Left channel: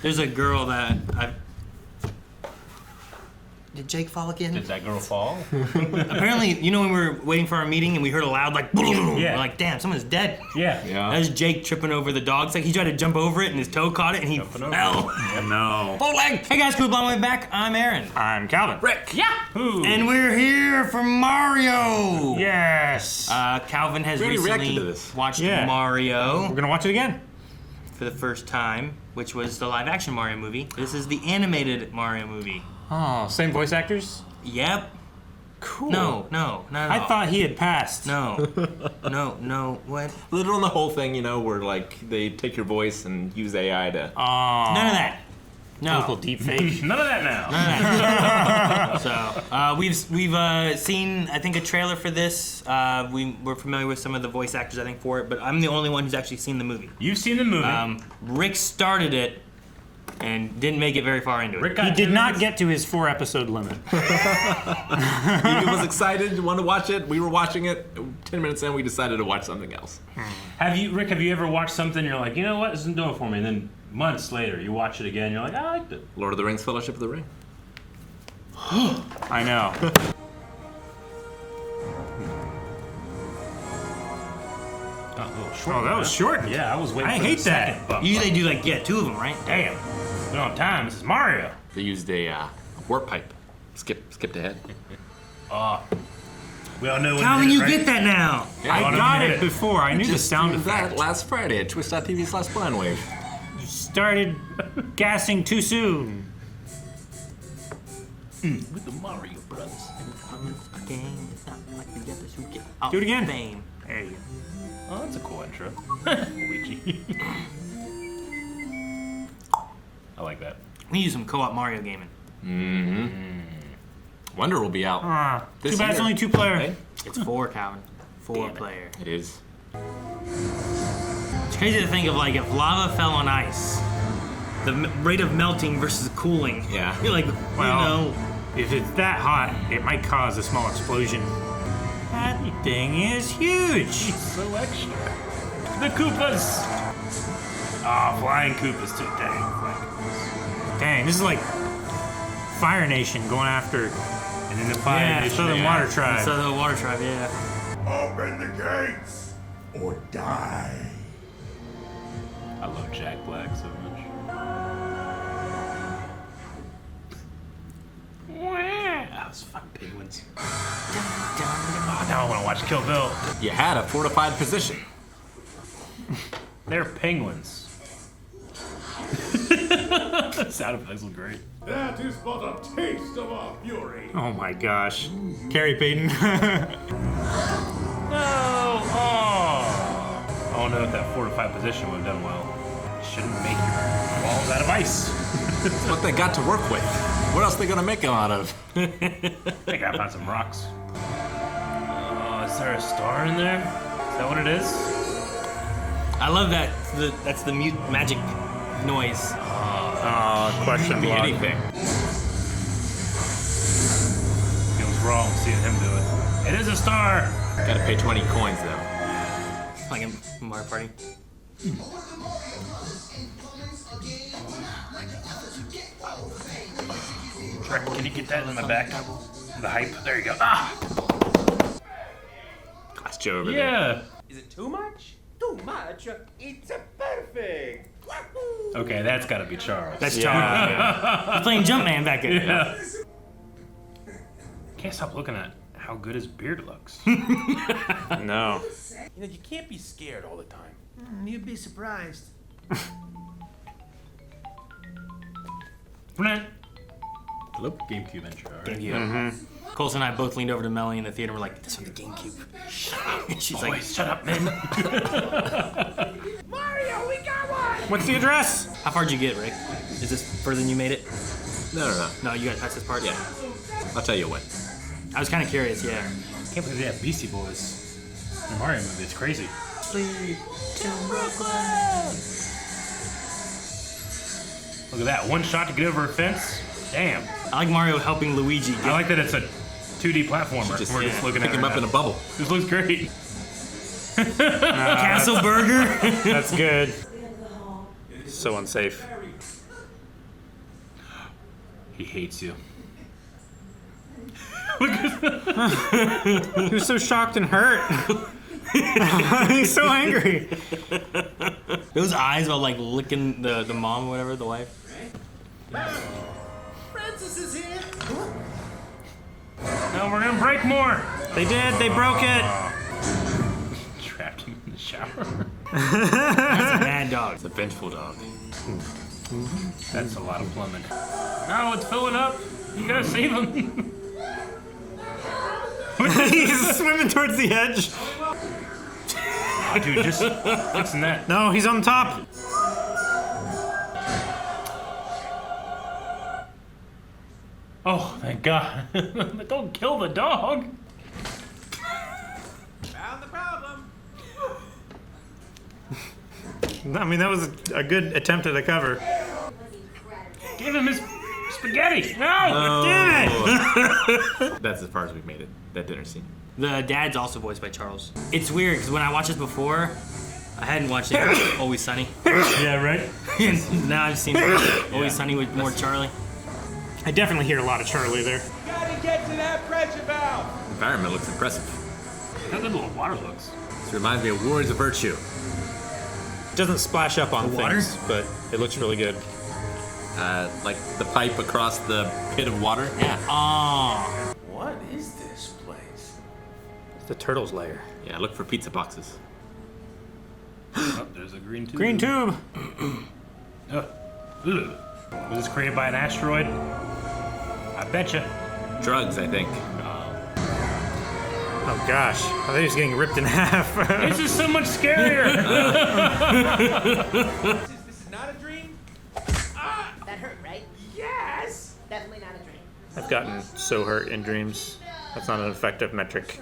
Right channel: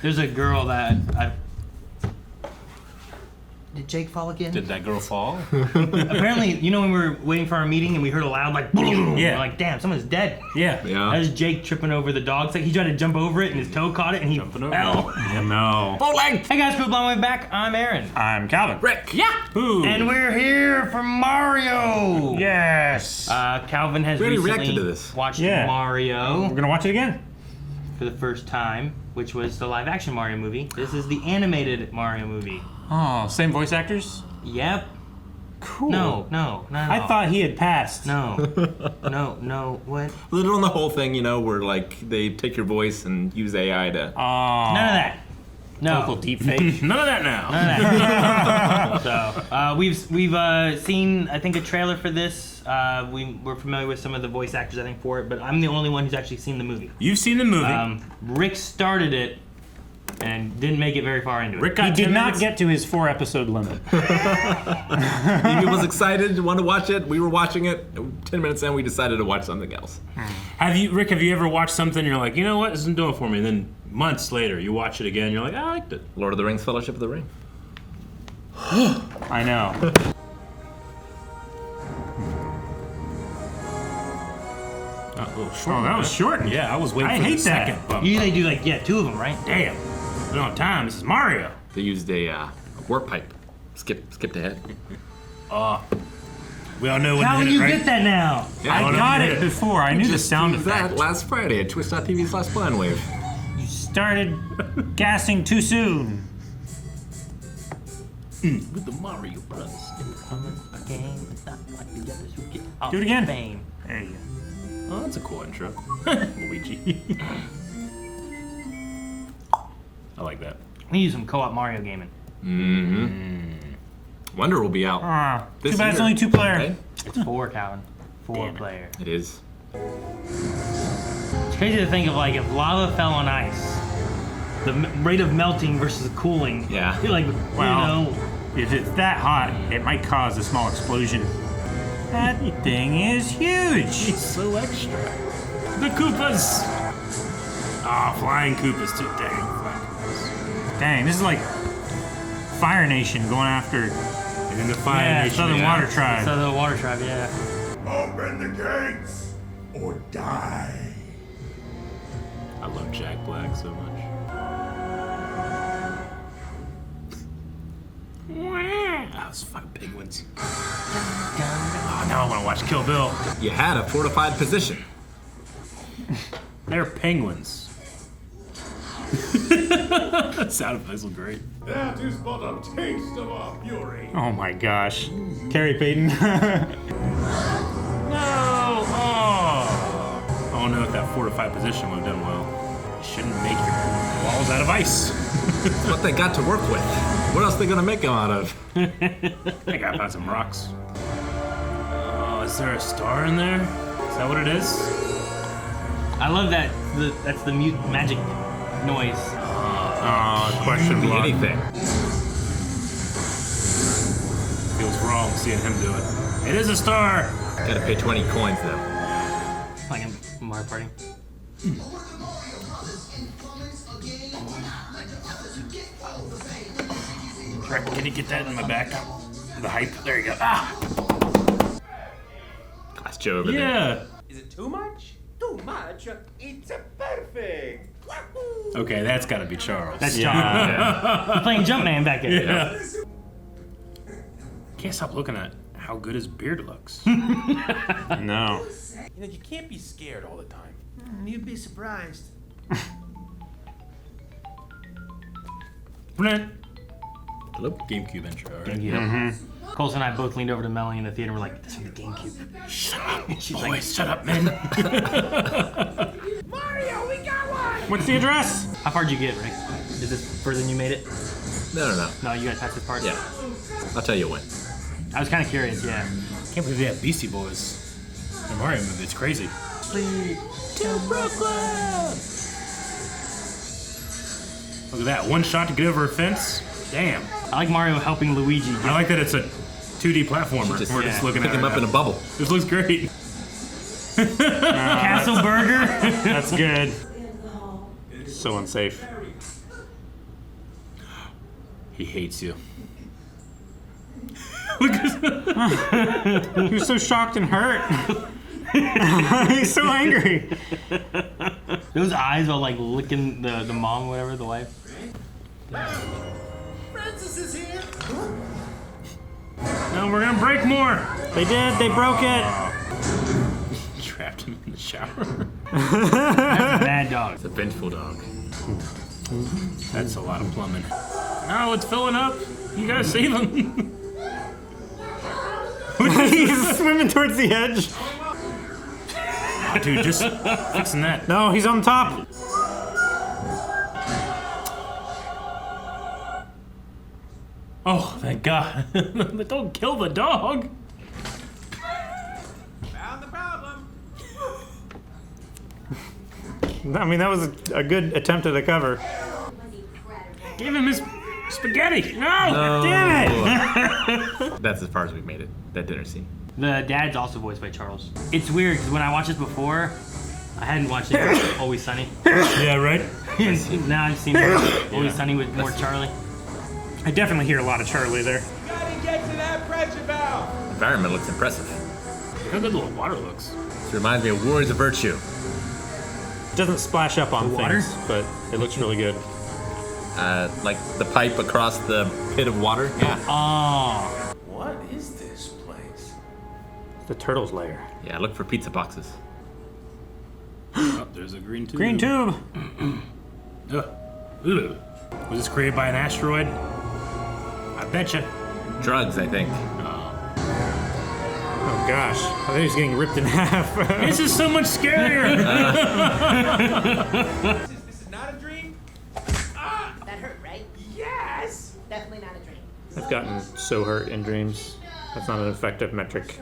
There's a girl that Did Jake fall again? Did that girl fall? Apparently, you know when we were waiting for our meeting and we heard a loud like, yeah. We're like, damn, someone's dead. Yeah. That was Jake tripping over the dog. Like he tried to jump over it and his toe caught it and he fell. Yeah, no. Full leg. Hey guys, cool, on my way back. I'm Aaron. I'm Calvin. Rick. Yeah. Ooh. And we're here for Mario. Yes. Calvin has reacted to this. Watched Mario. We're gonna watch it again. For the first time, which was the live action Mario movie. This is the animated Mario movie. Oh, same voice actors? Yep. Cool. No. I thought he had passed. No, what? Little on the whole thing, you know, where like they take your voice and use AI to. None of that. No. Local deepfake. None of that now. So we've seen I think a trailer for this. We're familiar with some of the voice actors I think for it, but I'm the only one who's actually seen the movie. You've seen the movie. Rick started it and didn't make it very far into it. He did not get to his 4-episode limit. He was excited, wanted to watch it. We were watching it. 10 minutes in, we decided to watch something else. Rick, have you ever watched something and you're like, you know what, this isn't doing it for me, and then months later you watch it again and you're like, I liked it. Lord of the Rings, Fellowship of the Ring. I know. Oh, that was shortened. Yeah, I was waiting I for hate the second bump. Usually they do like two of them, right? Damn. Been on time. This is Mario. They used a warp pipe. Skipped ahead. We all know when How do you get that now? Yeah, I got it before. I knew the sound did that effect. last Friday at Twitch.tv's Last Blind Wave. You started gassing too soon. With the Mario Bros. Do it again. Fame. There you go. Oh, that's a cool intro. Luigi. I like that. We use some co-op Mario gaming. Wonder will be out. Too this bad it's year, only 2-player. right? It's 4, Calvin. 4-player. It is. It's crazy to think of like if lava fell on ice, the rate of melting versus cooling. Yeah. You're like, Well, if it's that hot, it might cause a small explosion. That thing is huge. It's so extra. The Koopas. Oh, flying Koopas too. Dang. Dang, this is like Fire Nation going after And then the fire nation. Southern Water Tribe. Southern Water Tribe, yeah. Open the gates or die. I love Jack Black so much. Those fucking penguins. Oh, now I want to watch Kill Bill. You had a fortified position. They're penguins. Sound effects look great. That is but a taste of our fury. Oh my gosh. Carrie Payton. No! Oh! I don't know if that fortified position would have done well. You shouldn't make your walls out of ice. It's what they got to work with. What else are they gonna make them out of? I gotta find some rocks. Oh, is there a star in there? Is that what it is? I love that. That's the magic noise. Question Could be mark. anything. Feels wrong seeing him do it. It is a star! Gotta pay 20 coins though. Like a Mario Party. Rick, can you get that in the back? The hype. There you go. Ah! That's Joe over there. Yeah! Is it too much? Too much? It's perfect. Wahoo! Okay, that's gotta be Charles. That's John. He's playing Jumpman back there. Yeah. Can't stop looking at how good his beard looks. No. You know, you can't be scared all the time. You'd be surprised. Hello? GameCube intro, right? GameCube. Coles and I both leaned over to Melanie in the theater and we're like, this is the GameCube. Shut up. And she's like, Shut up, man. Mario, we got one! What's the address? how far'd you get, Rick? Is this further than you made it? No. No, you gotta touch this part? Yeah. I'll tell you what. I was kind of curious, yeah. Can't believe they have Beastie Boys in the Mario movie. It's crazy. Look at that. One shot to get over a fence. Damn. I like Mario helping Luigi. I like that it's a 2D platformer. Just We're just looking pick at him it up in now. a bubble. This looks great. Castle Burger. That's good. So unsafe. He hates you. He was so shocked and hurt. He's so angry. Those eyes while like licking the mom, whatever, the wife. Francis is here. No, we're gonna break more. They did. They broke it. Trapped him in the shower. That's a bad dog. It's a vengeful dog. That's a lot of plumbing. No, it's filling up. You gotta save him. He's swimming towards the edge. Oh, dude, just fixing that. No, he's on top. Oh, thank God. Don't kill the dog. Found the problem. I mean, that was a good attempt at a cover. Give him his spaghetti. No! Damn it! That's as far as we've made it. That dinner scene. The dad's also voiced by Charles. It's weird because when I watched this before, I hadn't watched it. Always Sunny. Yeah, right? Now I've seen it. Always Sunny with more Charlie. I definitely hear a lot of Charlie there. Gotta get to that pressure valve. The environment looks impressive. How good the water looks. This reminds me of Warriors of Virtue. It doesn't splash up on The water? things, but it looks really good. Like the pipe across the pit of water. Yeah. Oh. What is this place? The turtle's lair. Yeah, look for pizza boxes. Oh, there's a green tube. Green tube. Ugh. Ugh. Was this created by an asteroid? I betcha. Drugs, I think. Oh gosh, I thought he was getting ripped in half. This is so much scarier. This is not a dream. That hurt, right? Yes. Definitely not a dream. I've gotten so hurt in dreams. That's not an effective metric.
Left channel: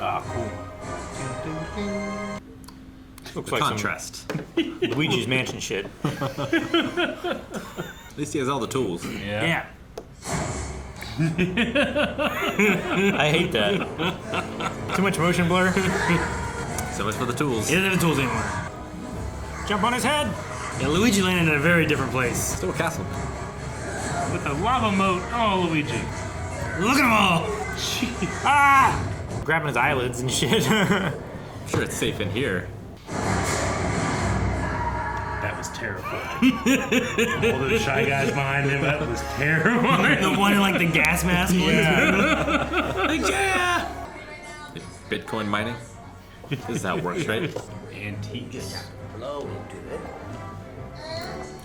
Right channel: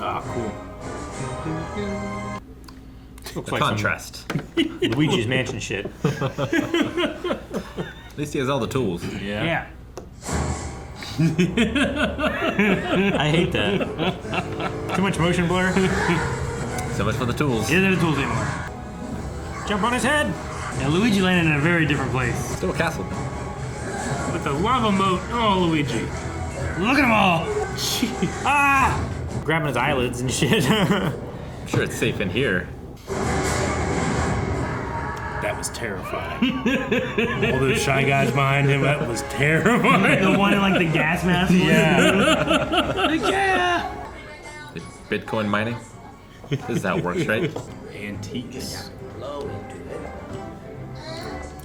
Oh, cool. Looks The like contrast. some Luigi's Mansion shit. At least he has all the tools. Yeah. I hate that. Too much motion blur. So much for the tools. It isn't the tools anymore. Jump on his head. And Luigi landed in a very different place. Still a castle. With the lava moat. Oh, Luigi. Look at them all. Ah! Grabbing his eyelids and shit. I'm sure it's safe in here. That was terrifying. All those shy guys behind him, that was terrifying. The one in like the gas mask. Yeah. Bitcoin mining. This is how it works, right? Antiques. Blow into it.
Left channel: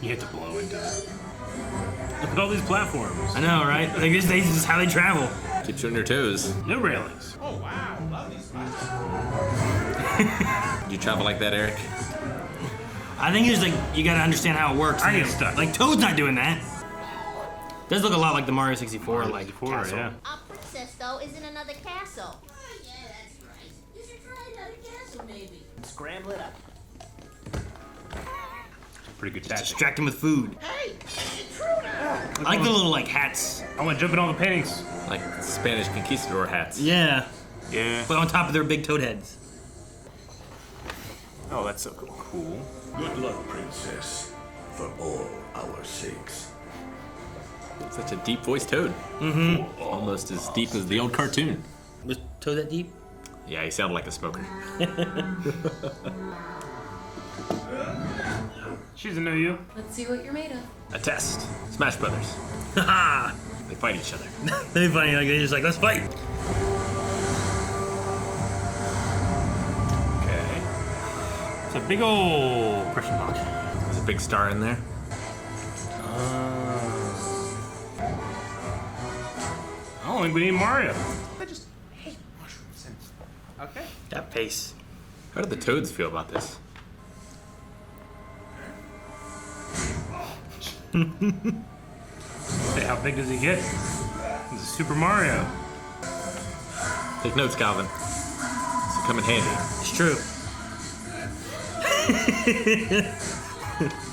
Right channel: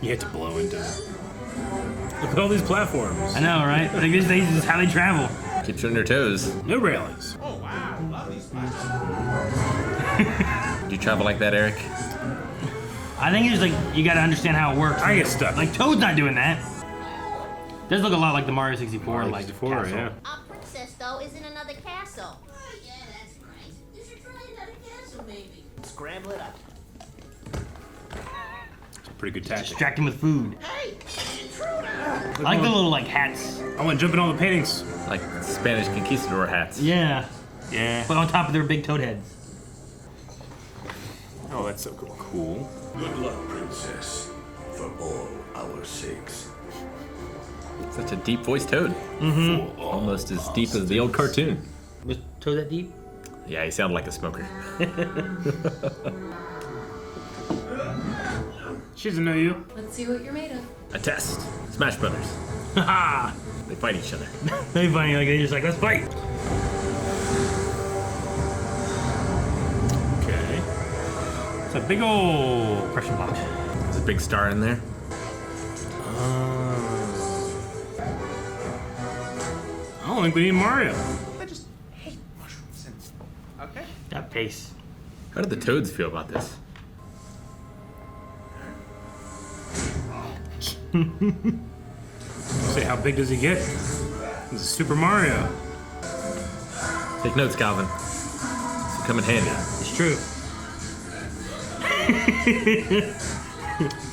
You have to blow into it. Look at all these platforms. I know, right? Like this is just how they travel. Keeps you on your toes. No railings. Oh wow, love these spots. Do you travel like that, Eric? I think it's like you gotta understand how it works. I get stuck. Like Toad's not doing that. Does look a lot like the Mario 64 like castle. Yeah. Our princess, though, is in another castle. Oh, yeah, that's right. You should try another castle, maybe. Scramble it up. Pretty good tactic. Distract him with food. Hey, intruder! I like the little like hats. I want to jump in all the paintings. Like Spanish conquistador hats. Yeah. Yeah. But on top of their big toad heads. Oh, that's so cool. Cool. Good luck, princess. For all our sakes. Such a deep voiced Toad. Mm-hmm. Almost as deep as the old cartoon. Was Toad that deep? Yeah, he sounded like a smoker. She doesn't know you. Let's see what you're made of. A test. Smash Brothers. Haha! They fight each other. They funny, like they're just like, let's fight. Okay. It's a big old question box. There's a big star in there. I don't think we need Mario. I just hate mushrooms and. Okay. That face. How do the Toads feel about this? Say, how big does he get? This is Super Mario. Take notes, Calvin. This will come in handy. It's true.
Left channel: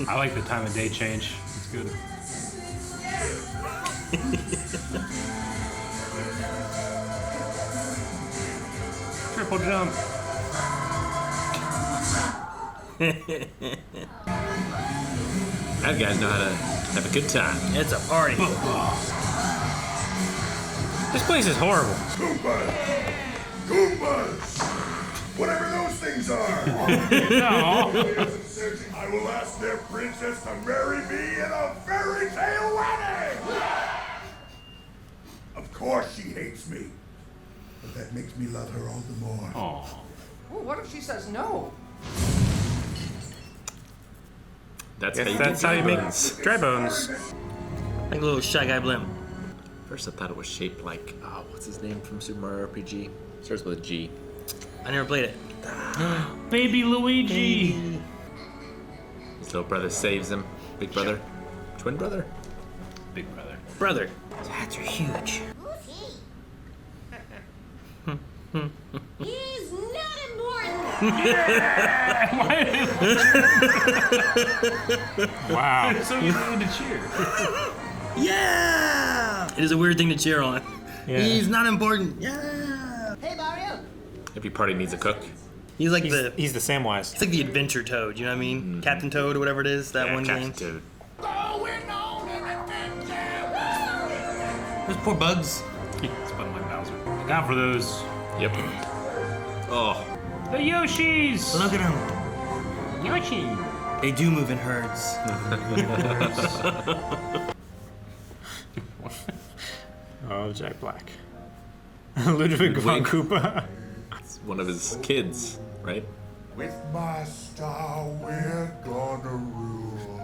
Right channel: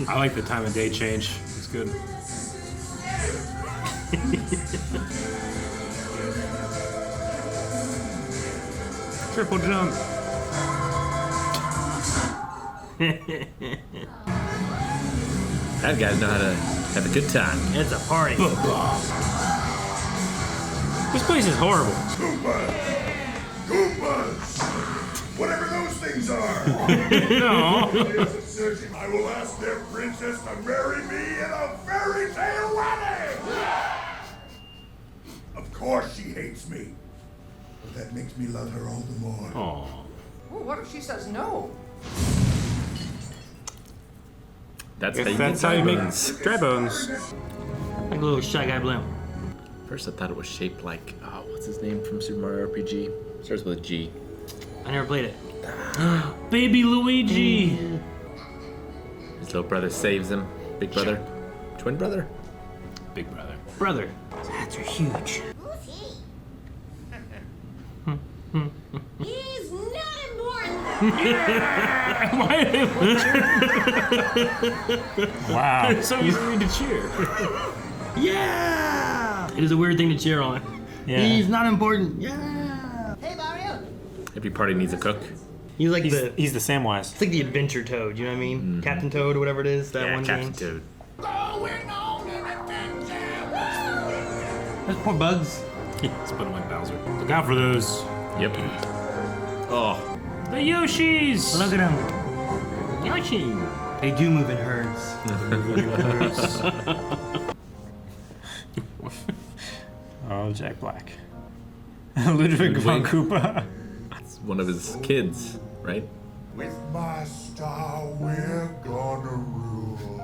I like the time of day change. It's good. Triple jump. Bad guys know how to Have a good time. It's a party. This place is horrible. Goombas! Goombas! Whatever those things are! I will ask their princess to marry me in a fairy tale wedding! Of course she hates me. But that makes me love her all the more. Oh. Well, what if she says no? That's Guess how you that's get how you make bones. dry bones. Like a little Shy Guy Blim. First I thought it was shaped like, what's his name from Super Mario RPG? Starts with a G. I never played it. Baby Luigi! His little brother saves him. Big brother. Twin brother? Big brother. Brother. His hats are huge. Who's he? He's not important. Wow. So easy to cheer. Yeah! It is a weird thing to cheer on. Yeah. He's not important. Yeah! Hey, Mario. Every party needs a cook. He's like He's the the Samwise. it's like the Adventure Toad, you know what I mean? Captain Toad or whatever it is, that one Captain game. Toad. Going on an adventure! There's poor Bugs. Let's put him like Bowser. Look out for those. Yep. Oh. The Yoshis! Look at him. Yoshi! They do move in herds. Oh, Jack Black. Ludwig von Koopa. It's one of his kids, right? With my star, we're gonna rule.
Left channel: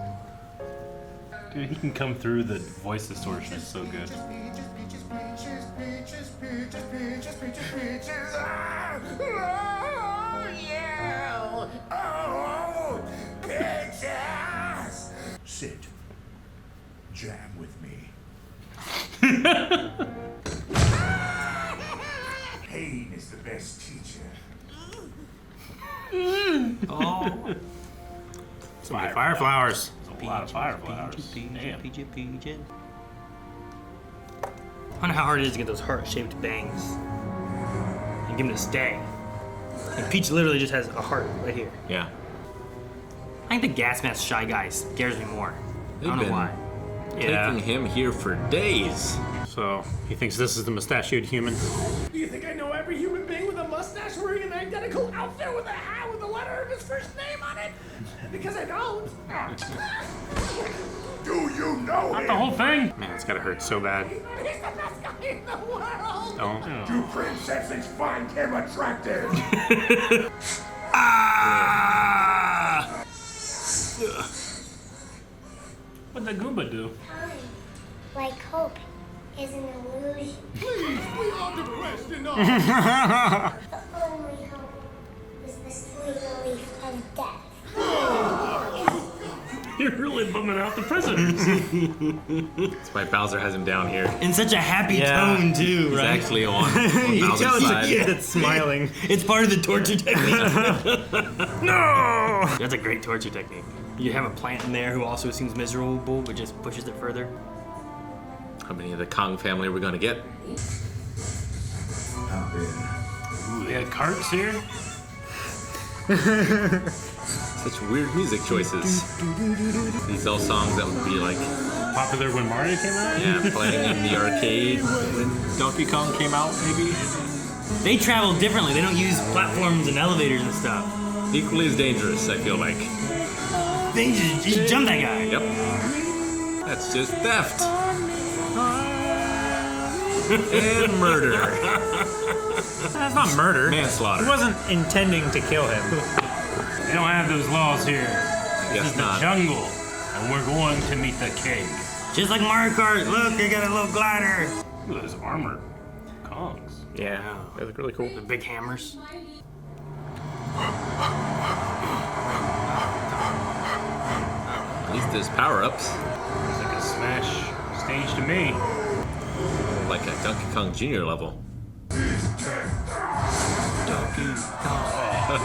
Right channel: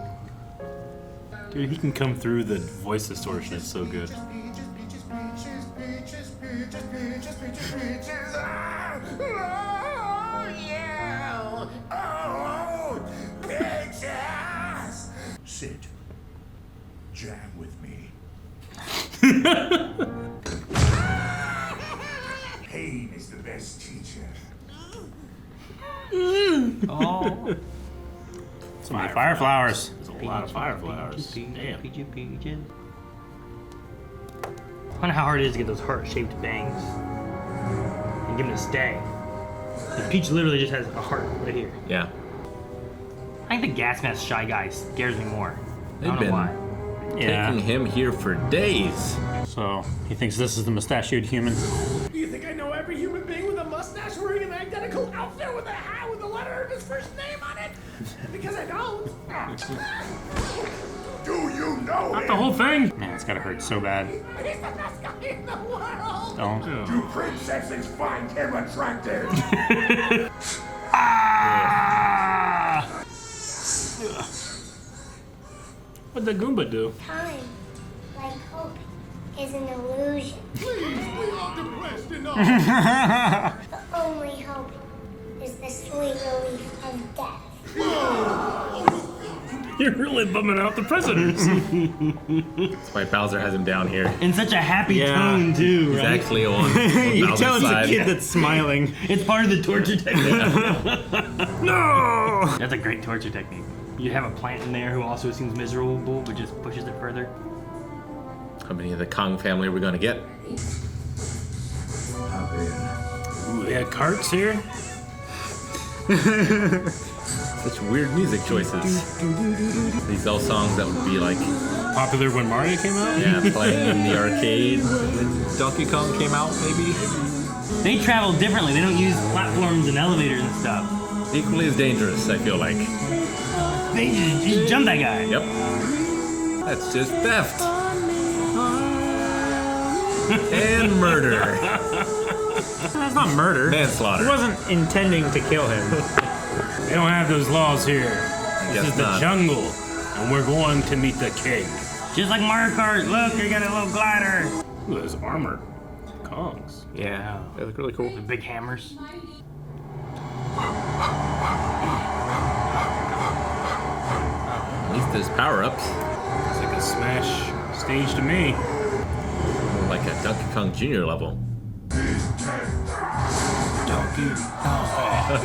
Dude, he can come through the voice distortion. It's so good. Peaches, peaches, peaches, peaches, peaches, peaches, peaches, peaches. Ah! Oh, yeah! Oh, peaches! Sit. Jam with me. Pain is the best teacher. Oh. So many fire flowers. There's a lot of fire flowers. Damn. I wonder how hard it is to get those heart-shaped bangs and give them to stay. And Peach literally just has a heart right here. Yeah. I think the gas mask Shy Guy scares me more. I They've don't know been why. taking him here for days. So he thinks this is the mustachioed human. Do you think I know every human being with a mustache wearing an identical outfit with a hat with the letter of his first name on it? Because I don't. Do you know The him? whole thing? Man, it's gotta hurt so bad. He's the best guy in the world. Don't. Do princesses find him attractive? What'd the Goomba do? Time, like hope, is an illusion. Please, we are depressed enough. The only hope is the sweet relief of death. You're really bumming out the prisoners. That's why Bowser has him down here. In such a happy Yeah. tone too, He's right? actually on You can tell Bowser's it's a side. kid that's smiling. It's part of the torture technique. No! That's a great torture technique. You have a plant in there who also seems miserable, but just pushes it further. How many of the Kong family are we gonna get? Ooh, they had carts here? Such weird music choices. These all songs that would be like, Popular when Mario came out? yeah, playing in the arcade when Donkey Kong came out, maybe. They travel differently. They don't use platforms and elevators and stuff. Equally as dangerous, I feel like. They just jump that guy. Yep. That's just theft. And murder. That's not murder. Manslaughter. He wasn't intending to kill him. They don't have those laws here. This Guess is the not. jungle, and we're going to meet the king. Just like Mario Kart. Look, they got a little glider. Ooh, there's armored Kongs. Yeah, they look really cool. The big hammers. At least there's power-ups. It's like a Smash stage to me. Like a Donkey Kong Jr. level.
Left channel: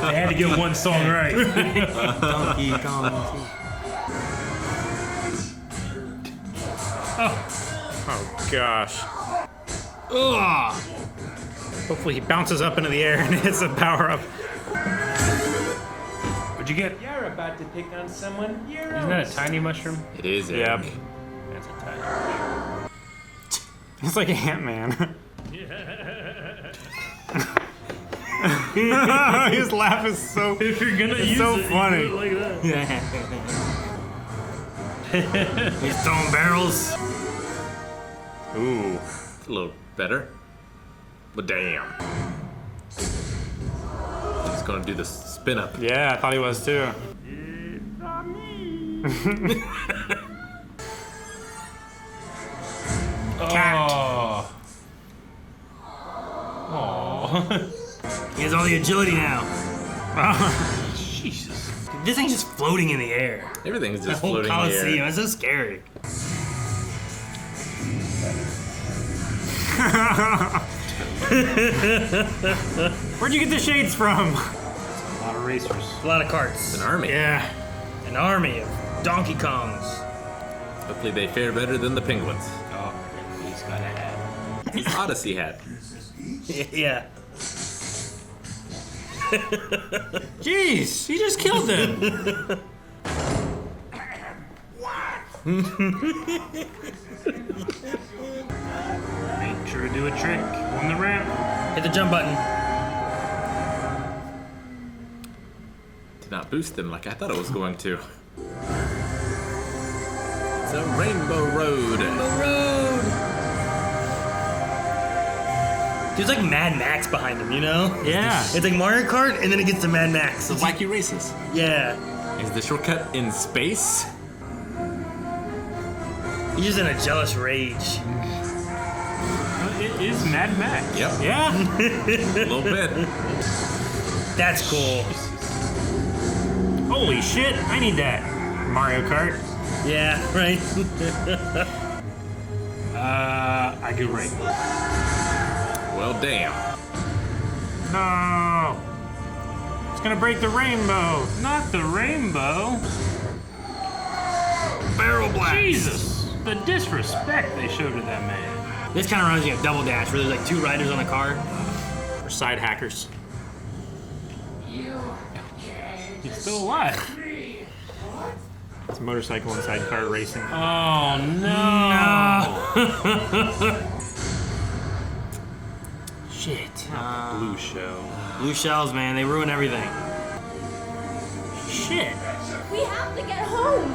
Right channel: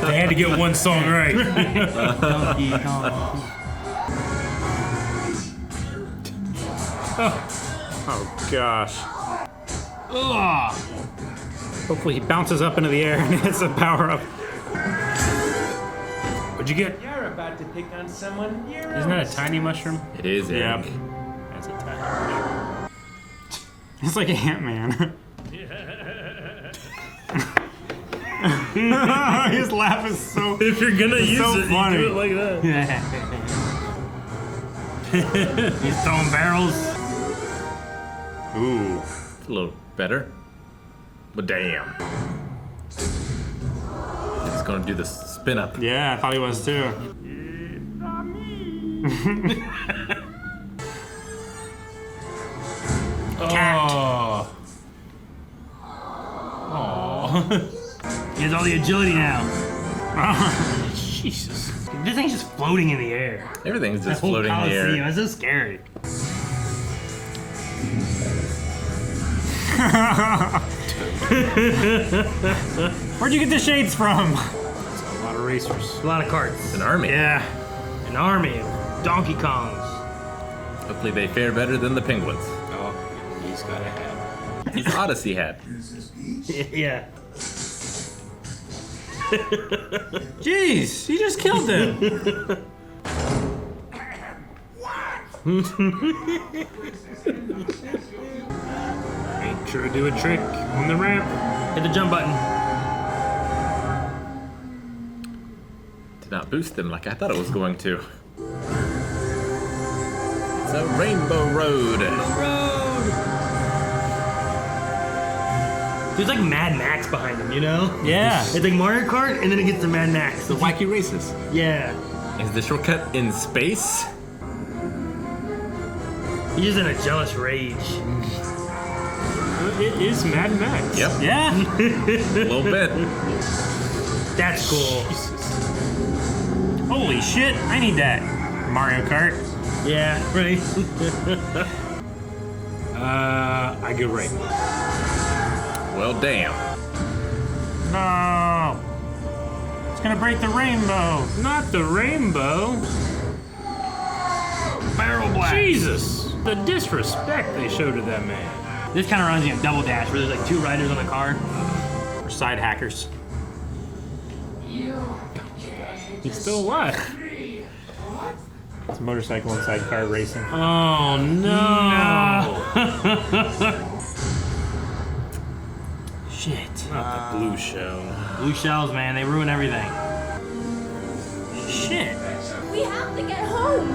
They had to get one song right. Donkey Kong. Oh gosh. Ugh. Hopefully he bounces up into the air and hits a power up. What'd you get. You're about to pick on someone your Isn't that a tiny mushroom? It is, Yeah. Eric. That's a tiny mushroom. It's like Ant-Man. His laugh is so. If you're gonna use so it, funny. you do it like that. He's throwing barrels. Ooh, a little better. But damn. He's gonna do the spin up. Yeah, I thought he was too. Oh. He has all the agility now. Jesus. This thing's just floating in the air. Everything's That just whole floating in the Coliseum. air. It's so scary. Where'd you get the shades from? A lot of racers. A lot of carts. An army. Yeah. An army of Donkey Kongs. Hopefully they fare better than the penguins. Oh, he's got a hat. His Odyssey hat. Yeah. Jeez, you just killed him. Make sure to do a trick on the ramp. Hit the jump button. Did not boost them like I thought it was going to. It's a rainbow road. There's like Mad Max behind him, you know? Yeah. It's like Mario Kart, and then it gets to Mad Max. The wacky races. Yeah. Is the shortcut in space? He's just in a jealous rage. It is Mad Max. Yep. Yeah. A little bit. That's cool. Holy shit, I need that. Mario Kart. Yeah, right? I go right. Well, damn. No. It's gonna break the rainbow. Not the rainbow. Barrel blast. Jesus. The disrespect they showed to that man. This kind of reminds me of Double Dash, where there's like two riders on the car. Or side hackers. He's still alive. It's motorcycle and sidecar racing. Oh no. Shit. Not the blue show. Blue shells, man, they ruin everything. Shit. We have to get home.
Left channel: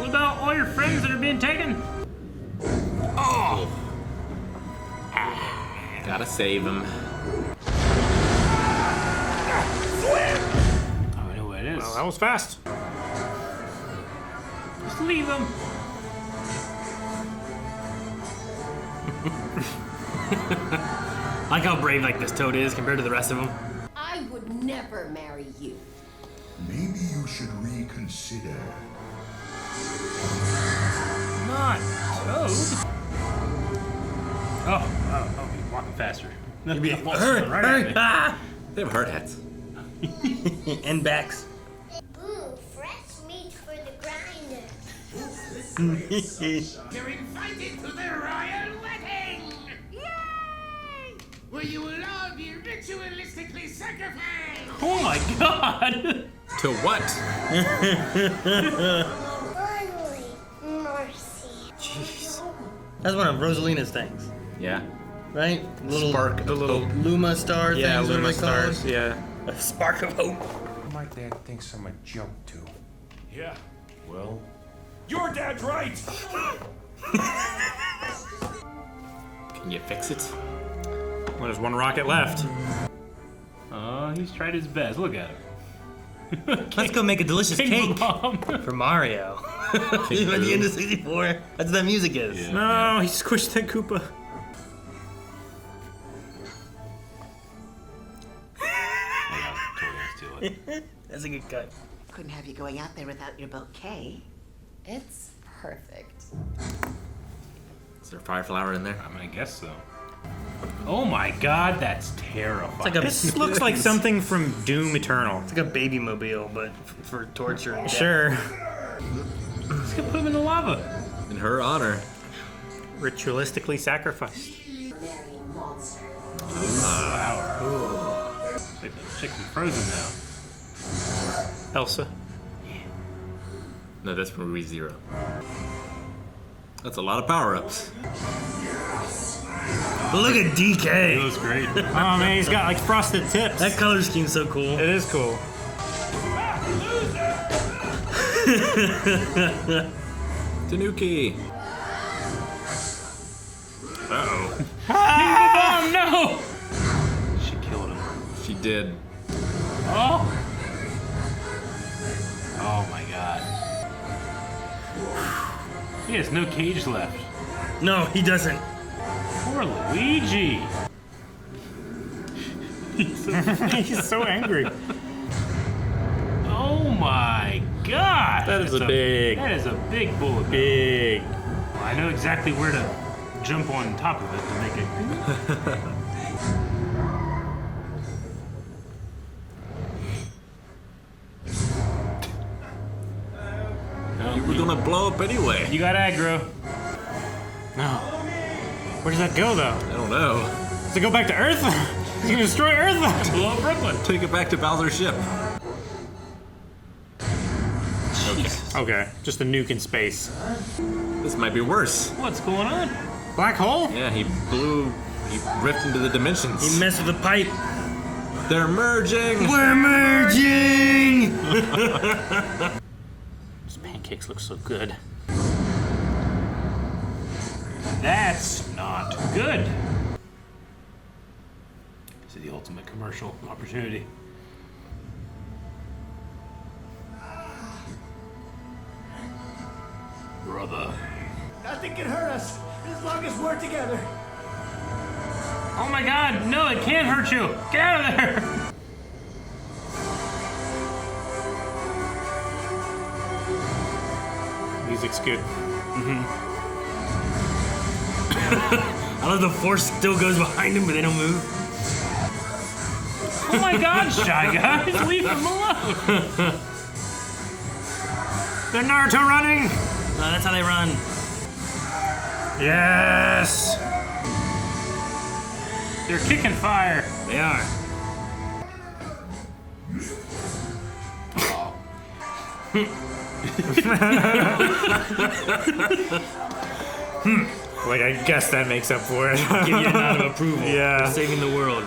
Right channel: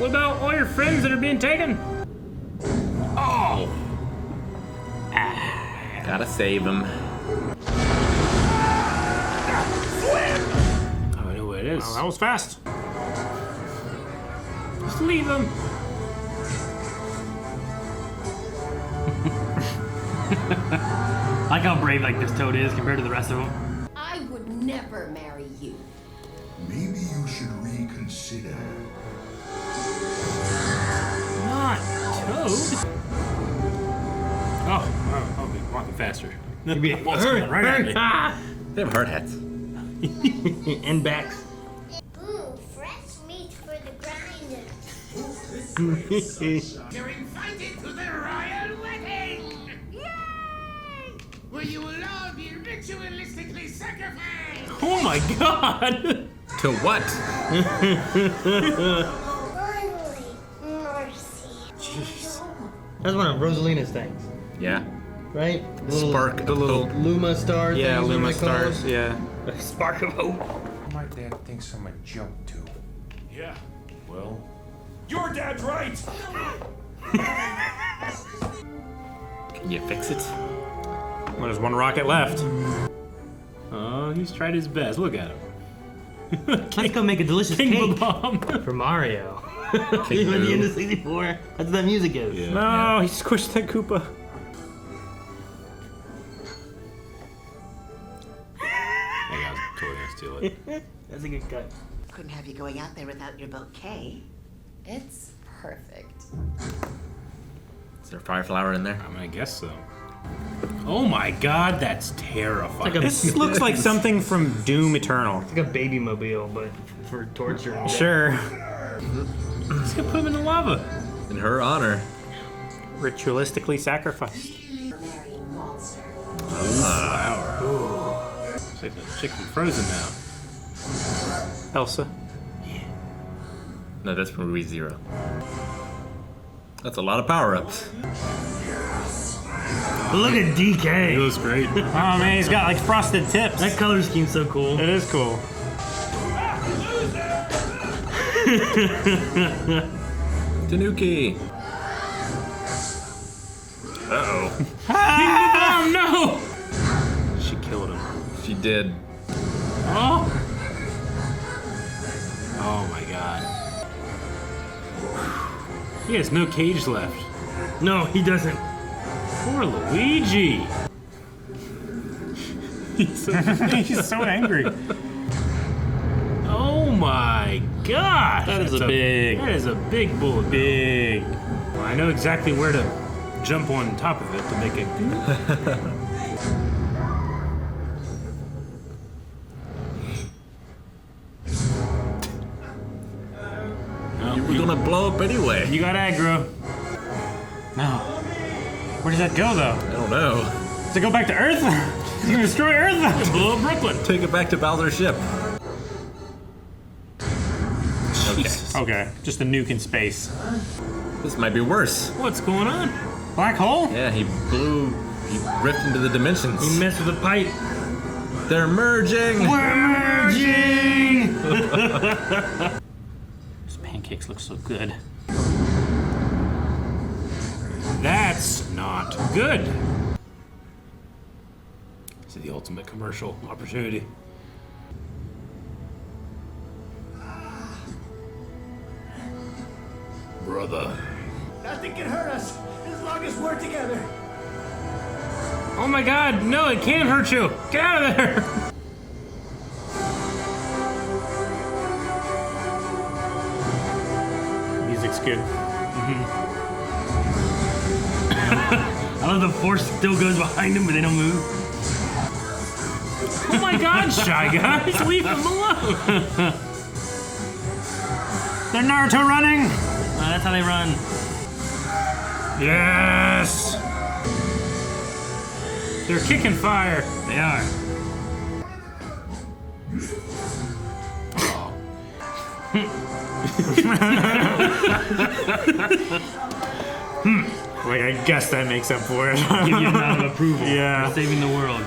What about all your friends that are being taken? Oh. Gotta save him. Oh, I know where it is. Well, that was fast. Just leave them. I like how brave like this toad is compared to the rest of them. I would never marry you. Maybe you should reconsider. Not Toad. Oh, he's walking faster. Hurry! Ah! They have hard hats. And backs. Ooh, fresh meat for the grinder. You're invited to the royal wedding! Yay! Where you will all be ritualistically sacrificed! Oh my god! To what? Finally, mercy. Jeez. That's one of Rosalina's things, Yeah. right? Spark. The little. Luma star Yeah, things, Luma whatever they call stars. Yeah. it. A spark of hope. My dad thinks I'm a joke, too. Yeah. Well, Your dad's right! Can you fix it? Well, there's one rocket left. oh, he's tried his best. Look at him. Let's go make a delicious cake Bob-omb. for Mario. At the end of 64. That's what that music is. No, he squished that Koopa. That's a good cut. Couldn't have you going out there without your bouquet. It's perfect. Is there a fire flower in there? I guess so. Oh my god, that's terrifying. Like a, This looks like something from Doom Eternal. like a baby mobile, but for torture. and death. Sure. He's gonna put him in the lava. In her honor. Ritualistically sacrificed. Marrying monster. Chicken frozen now. Elsa. No, that's from ReZero. That's a lot of power-ups. Look at DK. It was great. Oh man, he's got like frosted tips. That color scheme's so cool. It is cool. Tanuki. Oh no! She killed him. She did. Oh! Oh my god. He has no cage left. No, he doesn't. Poor Luigi. He's so angry. Oh my gosh. That is That's a big, That is a big bullet. big. I know exactly where to jump on top of it to make it good. We're gonna blow up anyway. You got aggro. No. Where does that go though? I don't know. Does it go back to Earth? You destroy Earth? Blow up Brooklyn. Take it back to Bowser's ship. Okay, just a nuke in space. This might be worse. What's going on? Black hole? Yeah, he ripped into the dimensions. He messed with the pipe. They're merging. We're merging. These pancakes look so good. That's not good. This is the ultimate commercial opportunity. Brother. Nothing can hurt us as long as we're together. Oh my god, no, it can't hurt you. Get out of there. Music's good. I love the force still goes behind him, but they don't move. Oh my god, Shy Guys, leave him alone. They're Naruto running! No, that's how they run. Yes! They're kicking fire. They are. Like, I guess that makes up for it. Give you a nod of approval. Yeah. For saving the world.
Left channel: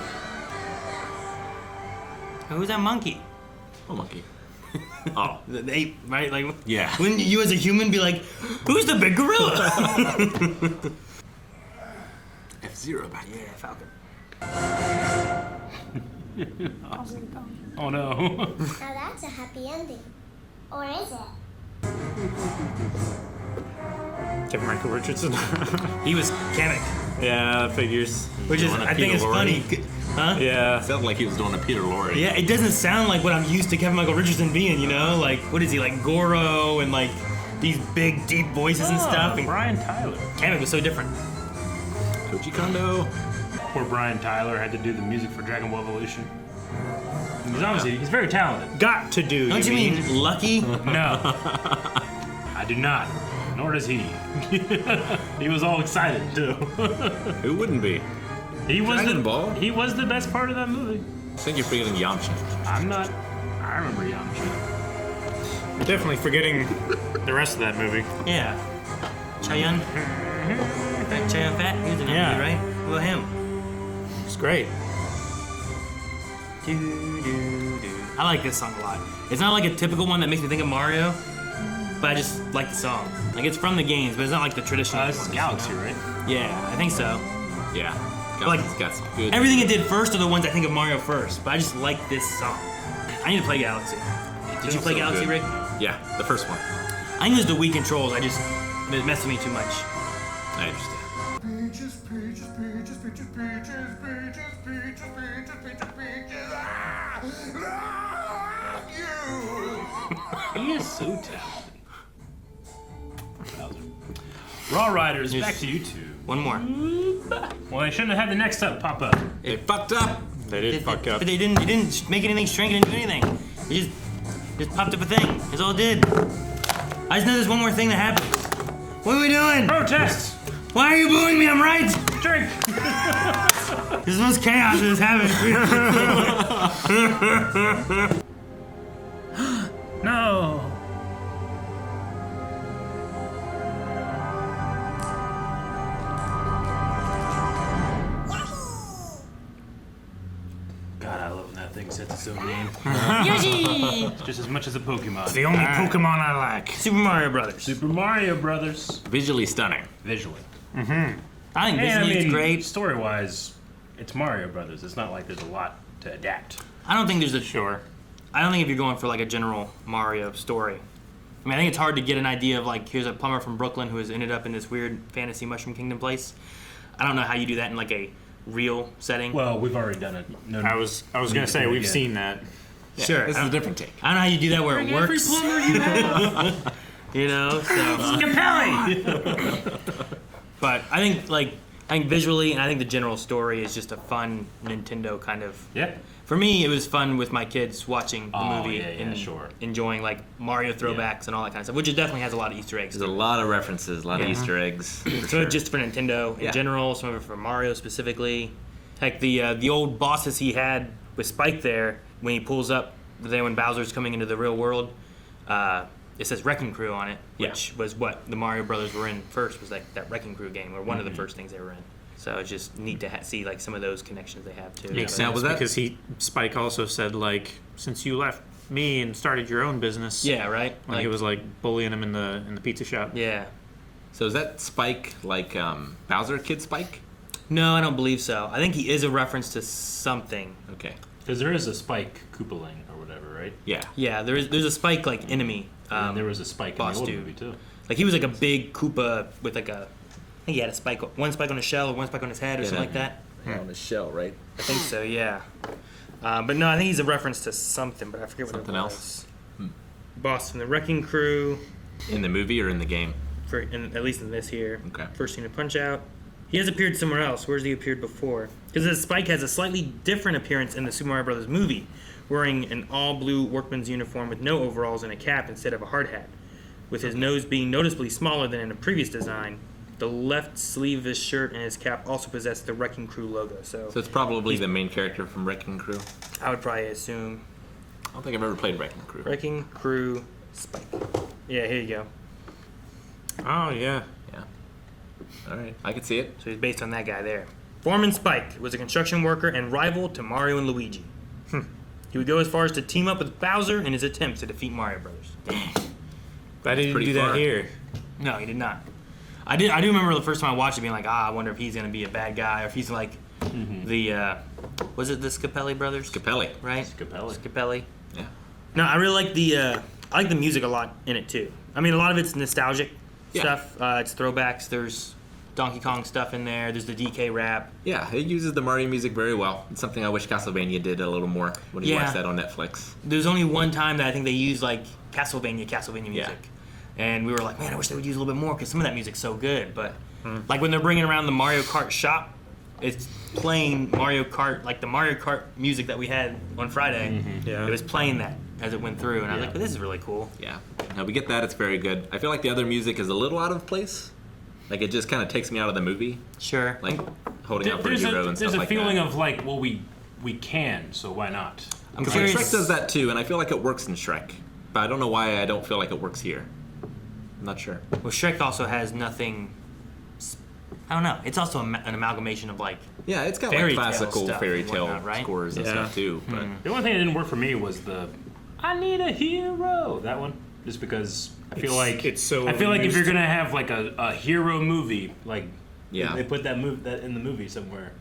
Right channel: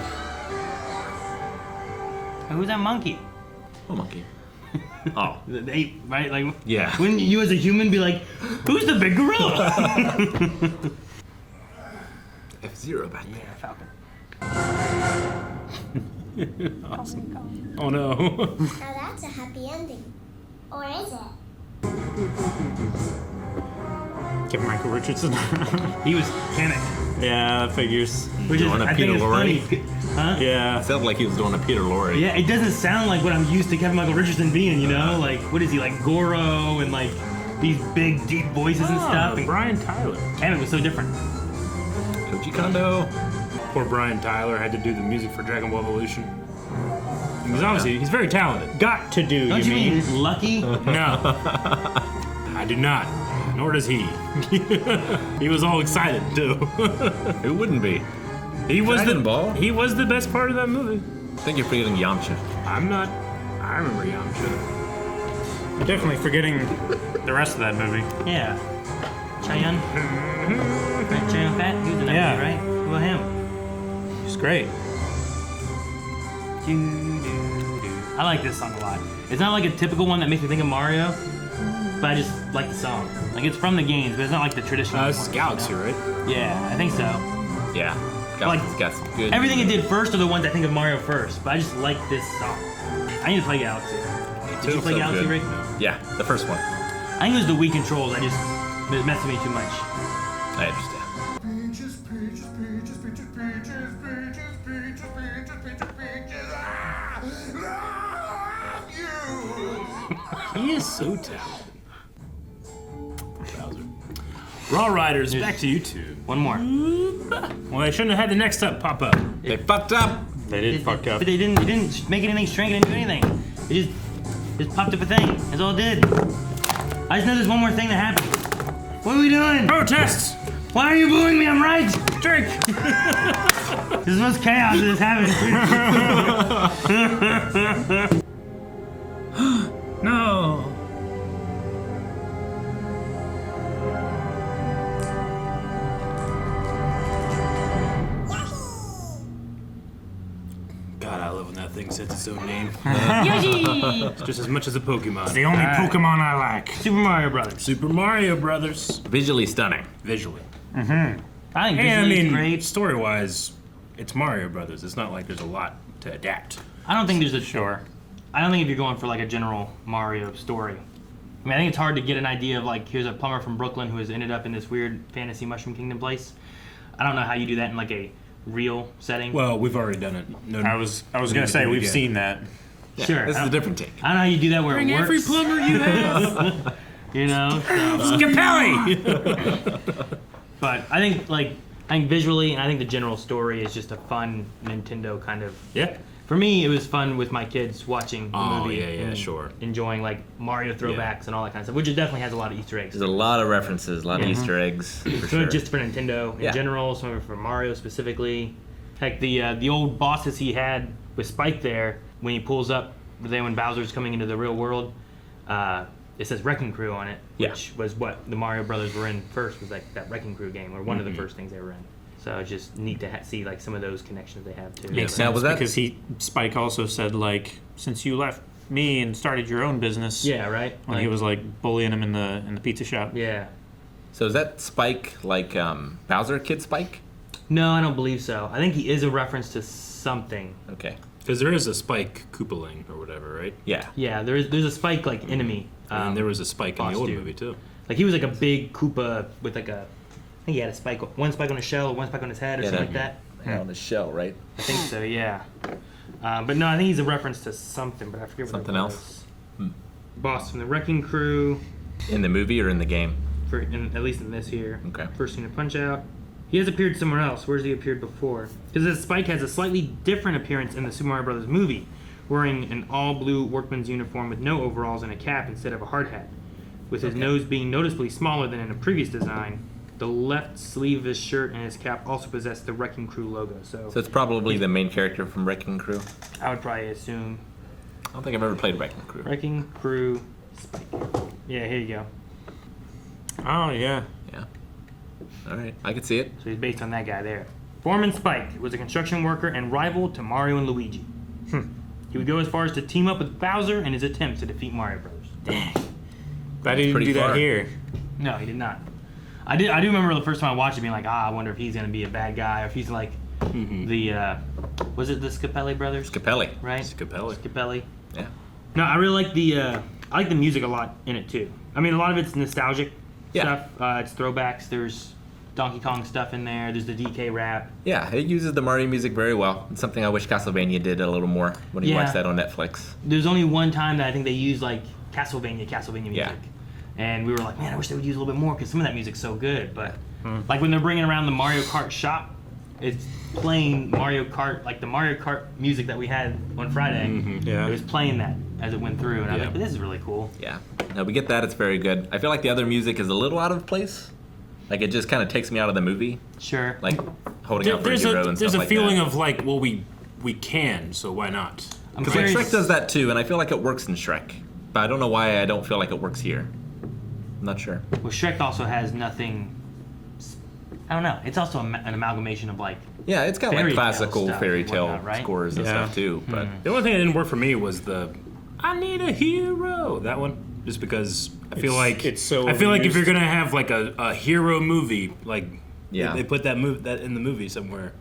Who's that monkey? Oh, monkey. Oh. The ape, right? Like, Yeah. Wouldn't you as a human be like, who's the big gorilla? F-Zero back there. Yeah, Falcon. Awesome. Oh no. Now that's a happy ending. Or is it? Give Michael Richardson. He was Kamek. Yeah, that figures. Which is, Doing a I think Peter it's Lorre? funny. Huh? Yeah. Sounded like he was doing a Peter Lorre. Yeah, it doesn't sound like what I'm used to Kevin Michael Richardson being, you know? Like, what is he, like Goro and like these big, deep voices and stuff? And Brian Tyler. Kamek was so different. Koji Kondo. Poor Brian Tyler had to do the music for Dragon Ball Evolution. Because obviously, he's very talented. Got to do, Don't you mean lucky? No. I do not. Nor does he. He was all excited, too. Who wouldn't be? He was Dragon Ball? He was the best part of that movie. I think you're forgetting Yamcha. I'm not. I remember Yamcha. Definitely forgetting the rest of that movie. Yeah. Cheyenne? Right, Cheyenne Fat? He was in that Yeah. movie, right? What about him? It's great. I like this song a lot. It's not like a typical one that makes me think of Mario, but I just like the song. Like, it's from the games, but it's not like the traditional This is one. Galaxy, right? Yeah, I think so. Yeah. Like, got some good. Everything it did first are the ones I think of Mario first, but I just like this song. I need to play Galaxy. Did you play So Galaxy, good. Rick? Yeah, the first one. I think it was the Wii controls. It messed with me too much. I understand. Peaches, peaches, peaches, peaches, peaches, peaches, peaches, peaches, peaches, peaches. Ah! Love you! He is so talented. Bowser. Raw Riders, back to you two. One more. Well, I shouldn't have had the next up pop up. They fucked up. They did fuck up. But it didn't make anything shrink. It didn't do anything. It just popped up a thing. That's all it did. I just know there's one more thing that happened. What are we doing? Protests! Why are you booing me? I'm right. Drink! This is most chaos that has happened. so mean. Yuji! Just as much as a Pokemon. It's the only Pokemon I like. Super Mario Brothers. Super Mario Brothers. Visually stunning. Visually. I think visually it's great. story-wise, it's Mario Brothers. It's not like there's a lot to adapt. I don't think there's a Sure. I don't think if you're going for like a general Mario story. I mean, I think it's hard to get an idea of like, here's a plumber from Brooklyn who has ended up in this weird fantasy Mushroom Kingdom place. I don't know how you do that in like a real setting. Well, we've already done it. No, I was gonna say we've seen that. Yeah, Sure. This is a different take. I don't know how you do that where it works. You know, so Capelli! but I think visually and I think the general story is just a fun Nintendo kind of. Yeah. For me, it was fun with my kids watching the Oh, movie yeah, and sure. enjoying like Mario throwbacks and all that kind of stuff, which it definitely has a lot of Easter eggs. There's a lot of references, a lot of Easter eggs. For Some of sure. it just for Nintendo in general, some of it for Mario specifically. Heck, the old bosses he had with Spike there, when he pulls up, when Bowser's coming into the real world, it says Wrecking Crew on it, which was what the Mario Brothers were in first, was like that Wrecking Crew game, or one of the first things they were in. So it's just neat to see like some of those connections they have too. Makes Now, sense was that- because Spike also said like, since you left me and started your own business. Yeah, right. When he was like bullying him in the pizza shop. Yeah. So is that Spike like Bowser Kid Spike? No, I don't believe so. I think he is a reference to something. Okay. Because there is a Spike Koopaling or whatever, right? Yeah. Yeah, there's a Spike like enemy. And there was a Spike in the boss old dude. movie too. Like he was like a big Koopa with like a, I think he had a spike, one spike on his shell or one spike on his head or something like that. Yeah, on the shell, right? I think so, yeah. But no, I think he's a reference to something, but I forget what Something it else? was. Boss from the Wrecking Crew, In the movie or in the game? at least in this here. Okay. First scene of Punch Out. He has appeared somewhere else. Where's he appeared before? Because Spike has a slightly different appearance in the Super Mario Brothers movie, wearing an all-blue workman's uniform with no overalls and a cap instead of a hard hat. With his nose being noticeably smaller than in a previous design, the left sleeve of his shirt and his cap also possess the Wrecking Crew logo. So So it's probably the main character from Wrecking Crew. I would probably assume I don't think I've ever played Wrecking Crew. Wrecking Crew Spike. Yeah, here you go. Oh yeah. Yeah. All right, I could see it. So he's based on that guy there. Foreman Spike was a construction worker and rival to Mario and Luigi. He would go as far as to team up with Bowser in his attempts to defeat Mario Bros. Glad he didn't pretty do that far. here. No, he did not. I do remember the first time I watched it being like, I wonder if he's gonna be a bad guy, or if he's like the was it the Scapelli brothers? Capelli. Right? Scapelli. Scapelli. Yeah. No, I really like I like the music a lot in it too. I mean, a lot of it's nostalgic stuff. It's throwbacks. There's Donkey Kong stuff in there. There's the DK rap. Yeah, it uses the Mario music very well. It's something I wish Castlevania did a little more when you Yeah. watch that on Netflix. There's only one time that I think they used like Castlevania music. Yeah. And we were like, man, I wish they would use a little bit more because some of that music's so good. But like when they're bringing around the Mario Kart shop, it's playing Mario Kart, like the Mario Kart music that we had on Friday. Yeah. It was playing that as it went through, and I was like, this is really cool. Yeah. No, we get that. It's very good. I feel like the other music is a little out of place. Like it just kind of takes me out of the movie. Sure. Like holding out for a hero and There's stuff a like feeling that. of like, well, we can, so why not? I'm Because like curious- Shrek does that too, and I feel like it works in Shrek. But I don't know why I don't feel like it works here. I'm not sure. Well, Shrek also has nothing. I don't know. It's also an amalgamation of like. Yeah, it's got like Fairy tale classical stuff fairy and tale whatnot, right? scores and Yeah. stuff too. But The only thing that didn't work for me was the "I need a hero" that one, just because I feel like it's so I feel like if overused. you're gonna have like a hero movie, like Yeah. they put that in the movie somewhere.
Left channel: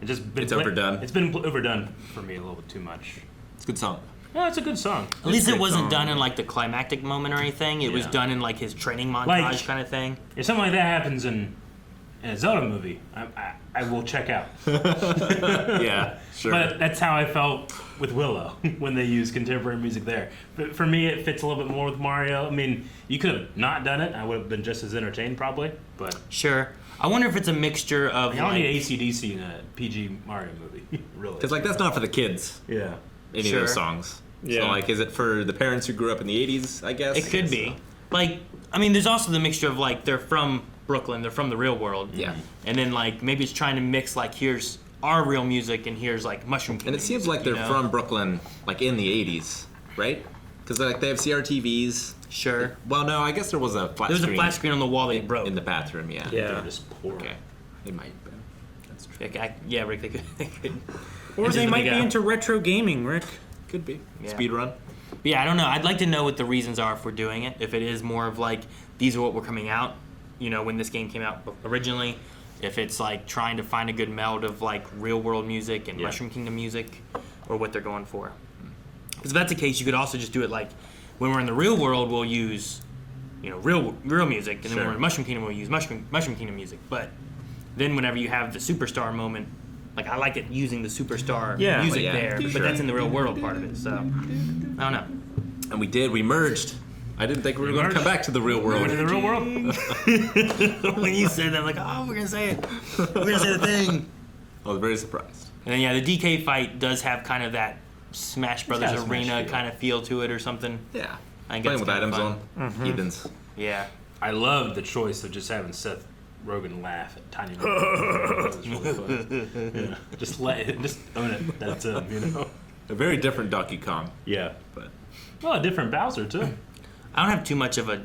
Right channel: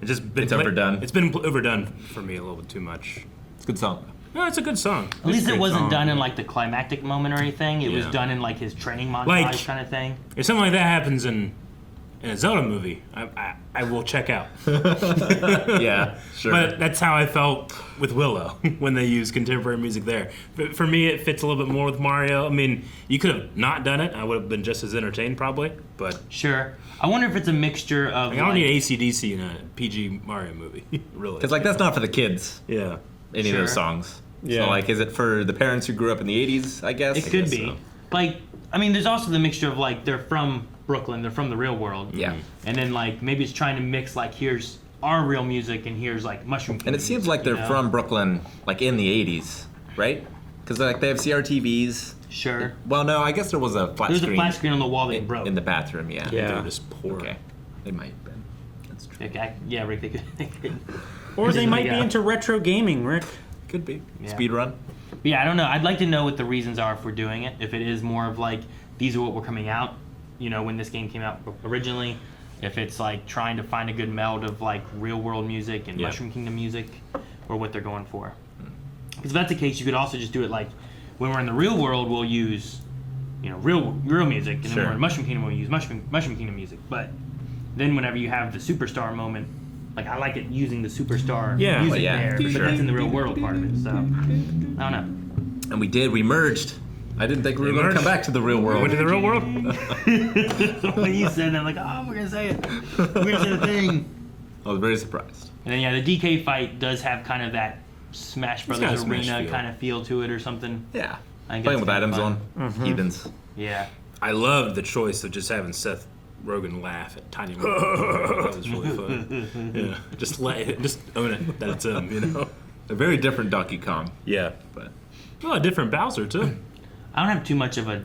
It's just been It's overdone. It's been overdone for me a little bit too much. it's a good song. No, it's a good song. At least it great wasn't song. done in like the climactic moment or anything. It was Yeah. done in like his training montage Like- kind of thing. If something like that happens in a Zelda movie, I will check out. Yeah, sure. But that's how I felt with Willow when they used contemporary music there. But for me, it fits a little bit more with Mario. I mean, you could have not done it. I would have been just as entertained probably. But Sure. I wonder if it's a mixture of. I don't like, need AC/DC in a PG Mario movie, really. Because like that's not for the kids. Yeah. Any of those Sure. songs. Yeah. So like, is it for the parents who grew up in the '80s? I guess It could be. Like, I mean, there's also the mixture of like they're from Brooklyn, they're from the real world. Yeah. And then like maybe it's trying to mix like here's our real music and here's like Mushroom And Kingdom it seems music, like they're you know? from Brooklyn, like in the '80s, right? Because like they have CRTVs. Sure. Well, no, I guess there was a flat There's screen. a flat screen on the wall that you in, broke. in the bathroom. Yeah. They're Yeah. just poor. Okay. It might have been. That's true. Yeah, Rick, they could. Or It's they just might like be a- into retro gaming, Rick. Could be. Yeah. Speed run. Yeah, I don't know. I'd like to know what the reasons are for doing it. If it is more of like, these are what were coming out, when this game came out originally. If it's like trying to find a good meld of like real world music and Mushroom Kingdom music, or what they're going for. Because if that's the case, you could also just do it like, when we're in the real world, we'll use, real music, and then when we're in Mushroom Kingdom, we'll use Mushroom Kingdom music. But then whenever you have the superstar moment, like I like it using the superstar music there, but that's in the real world part of it. So I don't know. And we merged. I didn't think we were going to come back to the real world. Went to the real world? When you said that, I'm like, oh, we're going to say it. We're going to say the thing. I was very surprised. And then, the DK fight does have kind of that Smash Brothers Arena kind of feel to it or something. Yeah. I think Playing with items fun. on. Heathens. Yeah. I love the choice of just having Seth Rogen laugh at tiny moments. It's really fun. Yeah. Just own it. That's him, A very different Donkey Kong. Yeah. But a different Bowser, too. I don't have too much of a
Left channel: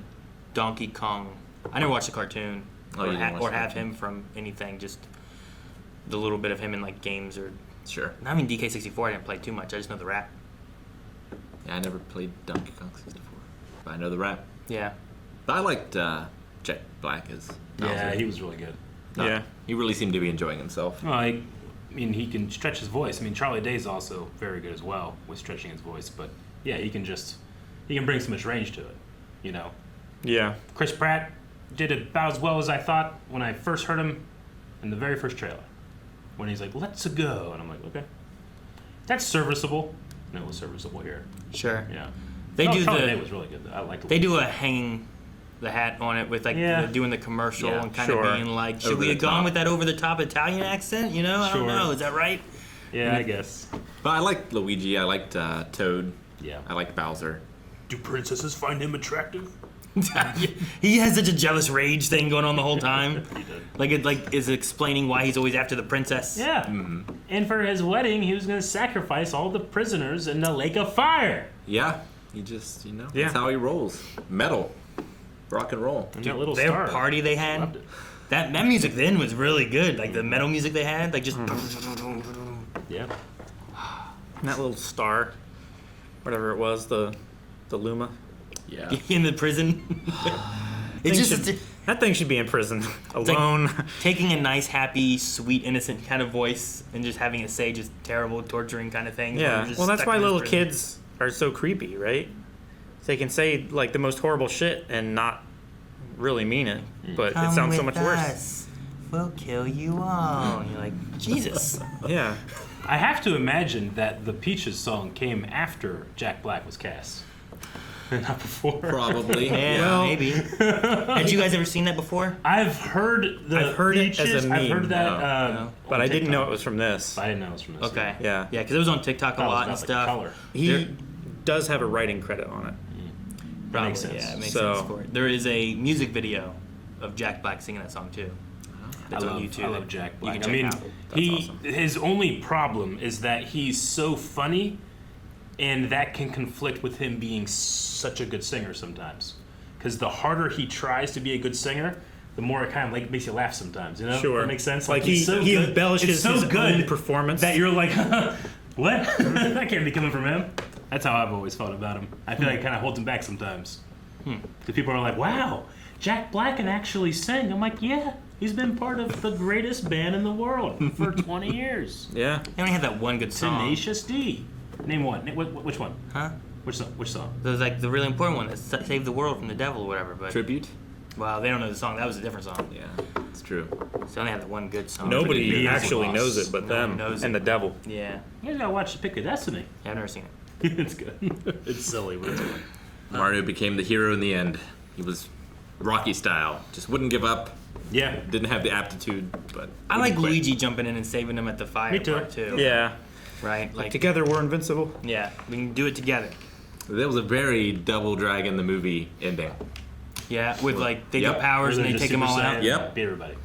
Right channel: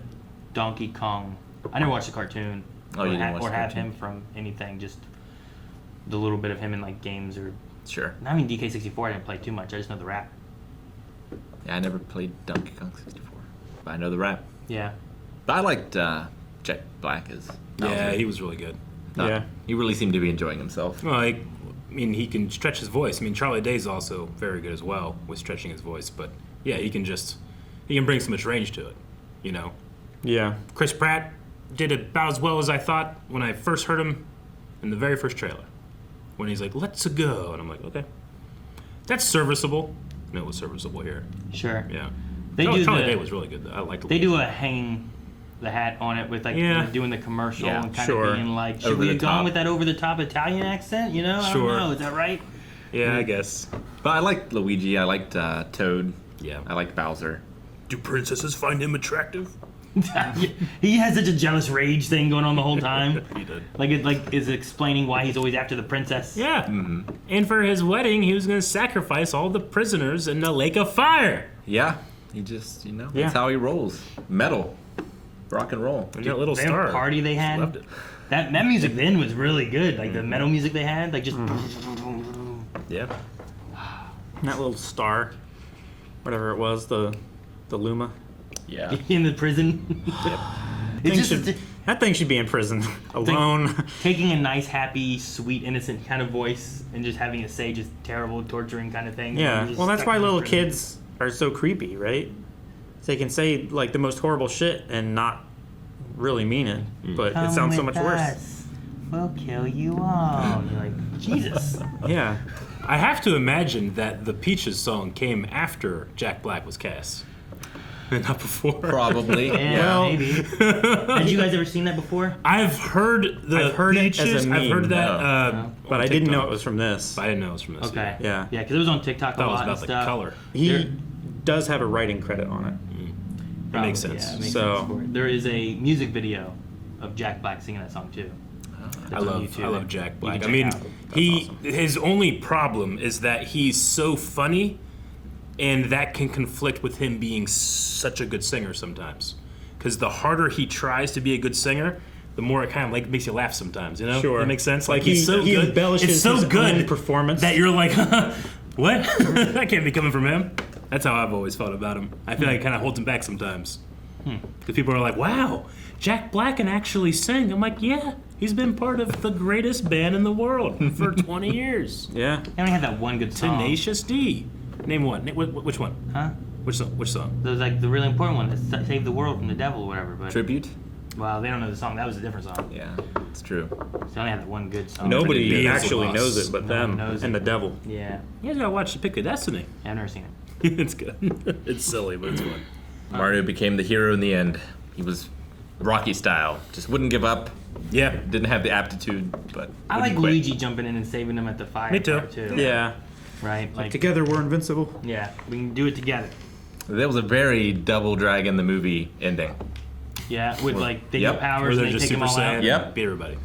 Donkey Kong. I never watched the cartoon or have him from anything. Just the little bit of him in like games or. Sure. I mean, DK64. I didn't play too much. I just know the rap. Yeah, I never played Donkey Kong 64, but I know the rap. Yeah. But I liked Jack Black as Bowser. Yeah, he was really good. Yeah. He really seemed to be enjoying himself. Well, I mean, he can stretch his voice. I mean, Charlie Day's also very good as well with stretching his voice. But yeah, he can bring so much range to it, Yeah. Chris Pratt did about as well as I thought when I first heard him in the very first trailer. When he's like, "Let's go," and I'm like, "Okay, that's serviceable." And it was serviceable here. Sure. Yeah. Charlie Day was really good though. I liked it. They do a hang the hat on it with like doing the commercial and kind of being like, should we have gone with that over the top Italian accent? I don't know. Is that right? Yeah, I guess. But I liked Luigi. I liked Toad. Yeah. I liked Bowser. Do princesses find him attractive? He has such a jealous rage thing going on the whole time. He did. Like it is explaining why he's always after the princess. Yeah. Mm-hmm. And for his wedding, he was going to sacrifice all the prisoners in the lake of fire. Yeah. He just, that's how he rolls. Metal. Rock and roll. And that little the star. Party they had. That music then was really good. Like the metal music they had, like just. Yeah. That little star, whatever it was, the Luma. Yeah. In the prison. That thing should be in prison alone. Like taking a nice, happy, sweet, innocent kind of voice and just having it say just terrible, torturing kind of things. Yeah. Well, that's why little kids are so creepy, right? They can say like the most horrible shit and not really mean it, but it sounds so much worse. We'll kill you all. You're like, Jesus. Yeah. I have to imagine that the Peaches song came after Jack Black was cast. Not before. Probably. Yeah, well, maybe. Had you guys ever seen that before? I've heard Peaches. It as a meme. I've heard that. No. But I didn't know it was from this. I didn't know it was from this. Okay. Yeah. Yeah, because it was on TikTok a lot and About stuff. the color. He does have a writing credit on it. That makes sense. Yeah, it makes sense for it. There is a music video of Jack Black singing that song too. I love Jack Black. I check mean, out. his only problem is that he's so funny, and that can conflict with him being such a good singer sometimes. Because the harder he tries to be a good singer, the more it kind of like makes you laugh sometimes. Sure. That makes sense. Like he's so he good. embellishes It's so his good own performance. that you're like, what? That can't be coming from him. That's how I've always felt about him. I feel like it kind of holds him back sometimes. Because people are like, wow, Jack Black can actually sing. I'm like, yeah, he's been part of the greatest band in the world for 20 years. Yeah. They only had that one good song. Tenacious D. Name one. Which one? Huh? Which song? There's like the really important one that saved the world from the devil or whatever. But Tribute? well, they don't know the song. That was a different song. Yeah, it's true. So they only had the one good song. Nobody Pretty actually big. knows it but No one them knows and it. the devil. Yeah. You guys gotta watch The Pick of Destiny. Yeah, I've never seen it. It's good. It's silly, but it's fun. Mario became the hero in the end. He was Rocky style. Just wouldn't give up. Yeah. Didn't have the aptitude, but I like Luigi jumping in and saving them at the fire. Me too. part, too. Yeah. Right? Like, Together we're invincible. yeah, we can do it together. That was a very Double Dragon the movie ending. Yeah, with like they Yep. get powers and they take them all out. Yep. Beat everybody.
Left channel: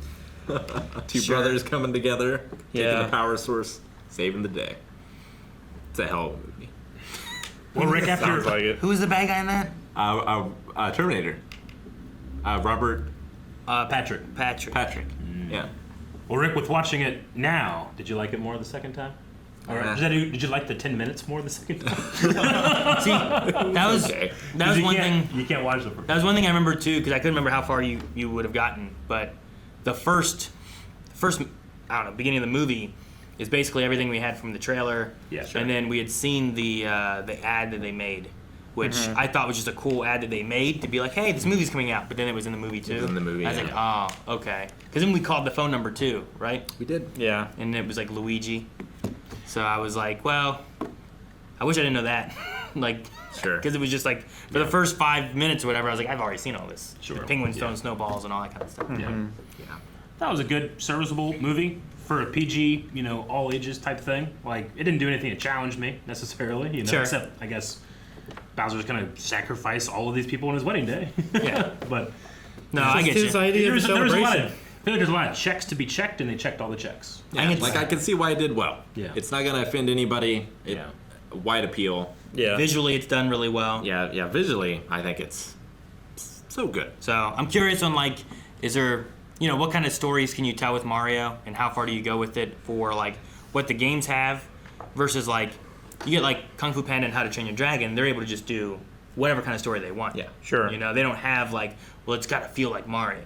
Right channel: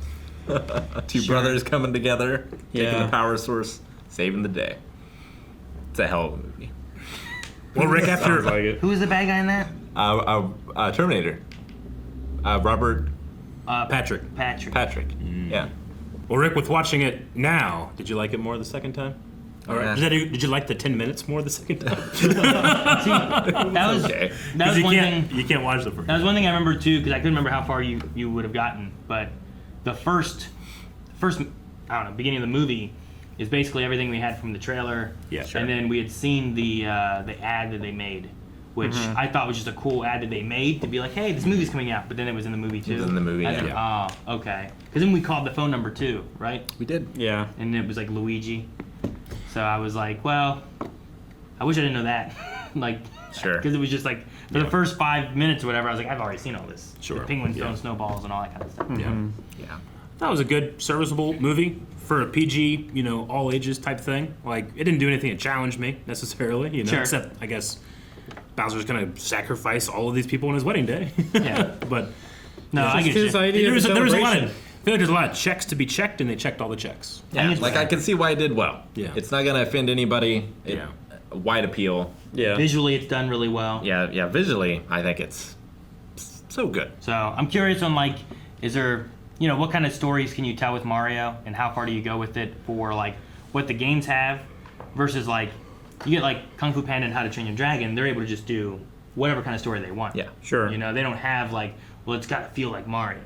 Two brothers coming together, taking Yeah. the power source, saving the day. It's a hell of a movie. Well, Rick, Sounds after like it. Who was the bad guy in that? Terminator. Robert Patrick. Patrick. Patrick. Yeah. Well, Rick, with watching it now, did you like it more the second time? All right. Did you like the 10 minutes more the second time? See, that was Okay. that was one thing. You can't watch the first. That was one thing I remember too, because I couldn't remember how far you would have gotten. But the first, I don't know, beginning of the movie is basically everything we had from the trailer. Yeah, sure. And then we had seen the ad that they made, which I thought was just a cool ad that they made to be like, hey, this movie's coming out. But then it was in the movie too. It was in the movie, I was yeah. like, oh, okay. Because then we called the phone number too, right? We did. Yeah. And it was like Luigi. So I was like, well, I wish I didn't know that. Like, Sure. because it was just like, for the first 5 minutes or whatever, I was like, I've already seen all this. Sure. The penguins throwing snowballs and all that kind of stuff. Yeah. Yeah. That was a good, serviceable movie for a PG, all ages type thing. Like, it didn't do anything to challenge me necessarily, Sure. except, I guess, Bowser's gonna sacrifice all of these people on his wedding day. Yeah. But No, I get His you. idea there of was, a there was a lot celebration. of, I feel like there's a lot of checks to be checked, and they checked all the checks. I think it's- Like I can see why it did well. Yeah. It's not gonna offend anybody. Yeah. Wide appeal. Yeah. Visually, it's done really well. Yeah. Visually, I think it's so good. So I'm curious on like, is there, what kind of stories can you tell with Mario, and how far do you go with it for like what the games have, versus like, you get like Kung Fu Panda and How to Train Your Dragon, they're able to just do whatever kind of story they want. Yeah. Sure. They don't have like, well, it's got to feel like Mario.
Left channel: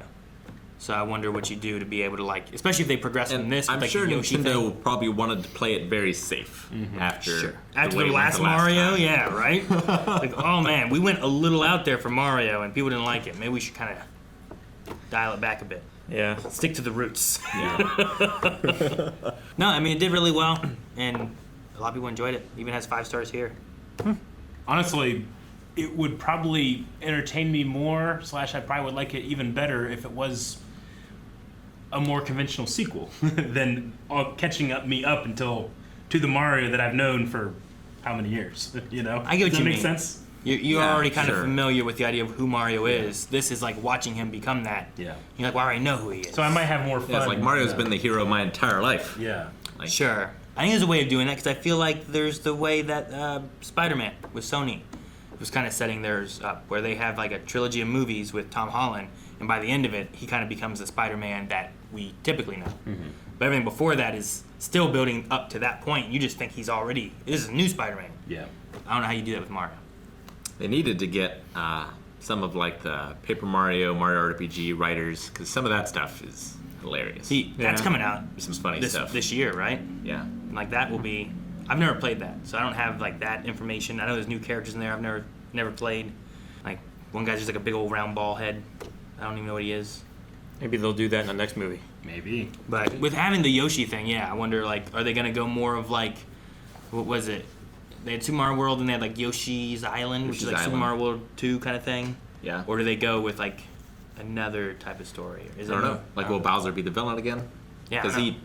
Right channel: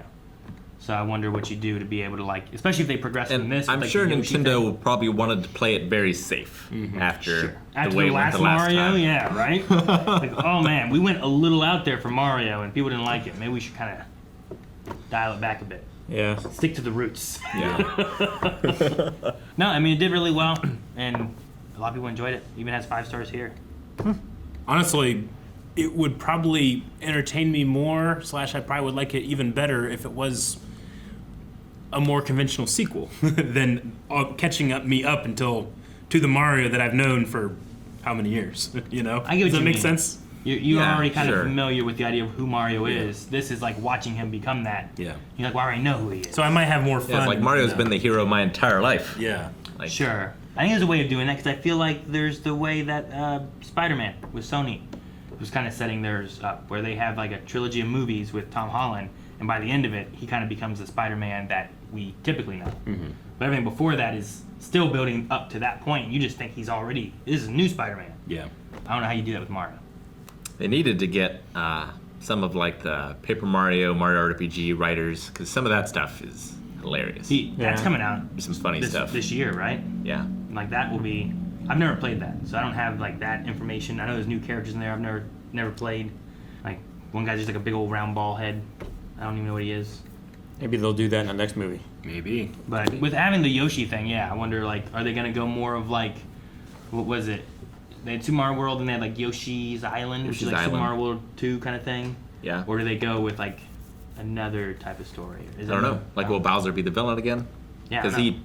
So I wonder what you do to be able to like, especially if they progress from And this. I'm with, like, sure the Yoshi Nintendo thing. probably wanted to play it very safe after After way the we went last Mario, time. yeah, right? Like, oh man, we went a little out there for Mario and people didn't like it. Maybe we should kind of dial it back a bit. Yeah. Stick to the roots. Yeah. No, I mean, it did really well, and a lot of people enjoyed it. Even has 5 stars here. Honestly, it would probably entertain me more, / I probably would like it even better if it was a more conventional sequel than catching me up until to the Mario that I've known for how many years, I get what Does you that mean. make sense? You're Yeah, already kind sure. of familiar with the idea of who Mario is. This is like watching him become that. Yeah. You're like, well, I already know who he is. So I might have more fun. Yeah, it's like Mario's been the hero my entire life. Yeah. Like, Sure. I think there's a way of doing that, because I feel like there's the way that Spider-Man with Sony was kind of setting theirs up, where they have like a trilogy of movies with Tom Holland, and by the end of it, he kind of becomes the Spider-Man that we typically know. But everything before that is still building up to that point. You just think this is a new Spider-Man. Yeah. I don't know how you do that with Mario. They needed to get some of like the Paper Mario RPG writers, because some of that stuff is hilarious. That's coming out Some funny stuff. this year, right? Yeah. And like that will be. I've never played that, so I don't have like that information. I know there's new characters in there I've never played. Like one guy's just like a big old round ball head. I don't even know what he is. Maybe they'll do that in the next movie. Maybe. But with having the Yoshi thing, yeah, I wonder like, are they gonna go more of like, what was it? They had Super Mario World and they had like Yoshi's Island, which is Yoshi's like Super Island. Mario World 2 kind of thing. Yeah. Or do they go with like another type of story? Is I don't it know. Like, will Bowser be the villain again? Yeah, I Because don't know. he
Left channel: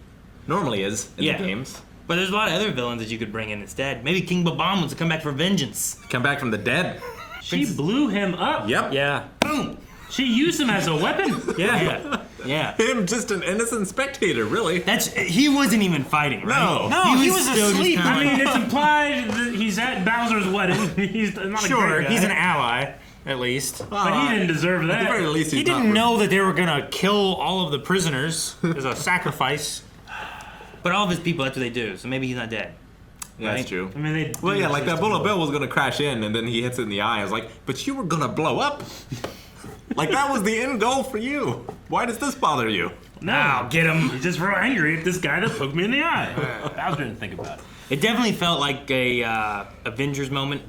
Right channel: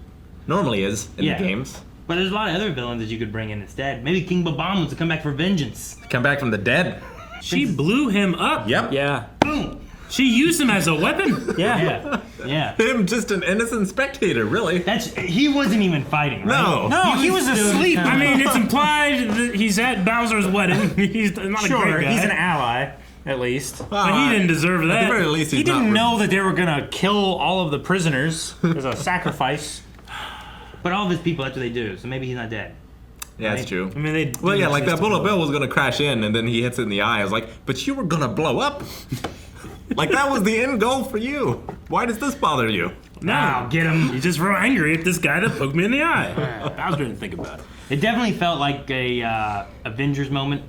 normally is in Yeah. the games. But there's a lot of other villains that you could bring in instead. Maybe King Bob-omb wants to come back for vengeance. Come back from the dead. She blew him up. Yep. Yeah. Boom. She used him as a weapon. Yeah. Yeah. Him, just an innocent spectator, really. He wasn't even fighting, right? No. He was still asleep. just I mean, it's implied that he's at Bowser's wedding. He's not a Sure, great guy. he's an ally, at least. But he didn't deserve that. At the very least, He he's didn't not know that they were gonna kill all of the prisoners as a sacrifice. But all of his people, that's what they do. So maybe he's not dead. Yeah, that's true. I mean, they. Well, yeah, like that bullet bullet bill was gonna crash in, and then he hits it in the eye. I was like, but you were gonna blow up. Like, that was the end goal for you. Why does this bother you? Now get him. He's just real angry at this guy that poked me in the eye. Bowser didn't think about it. It definitely felt like a Avengers moment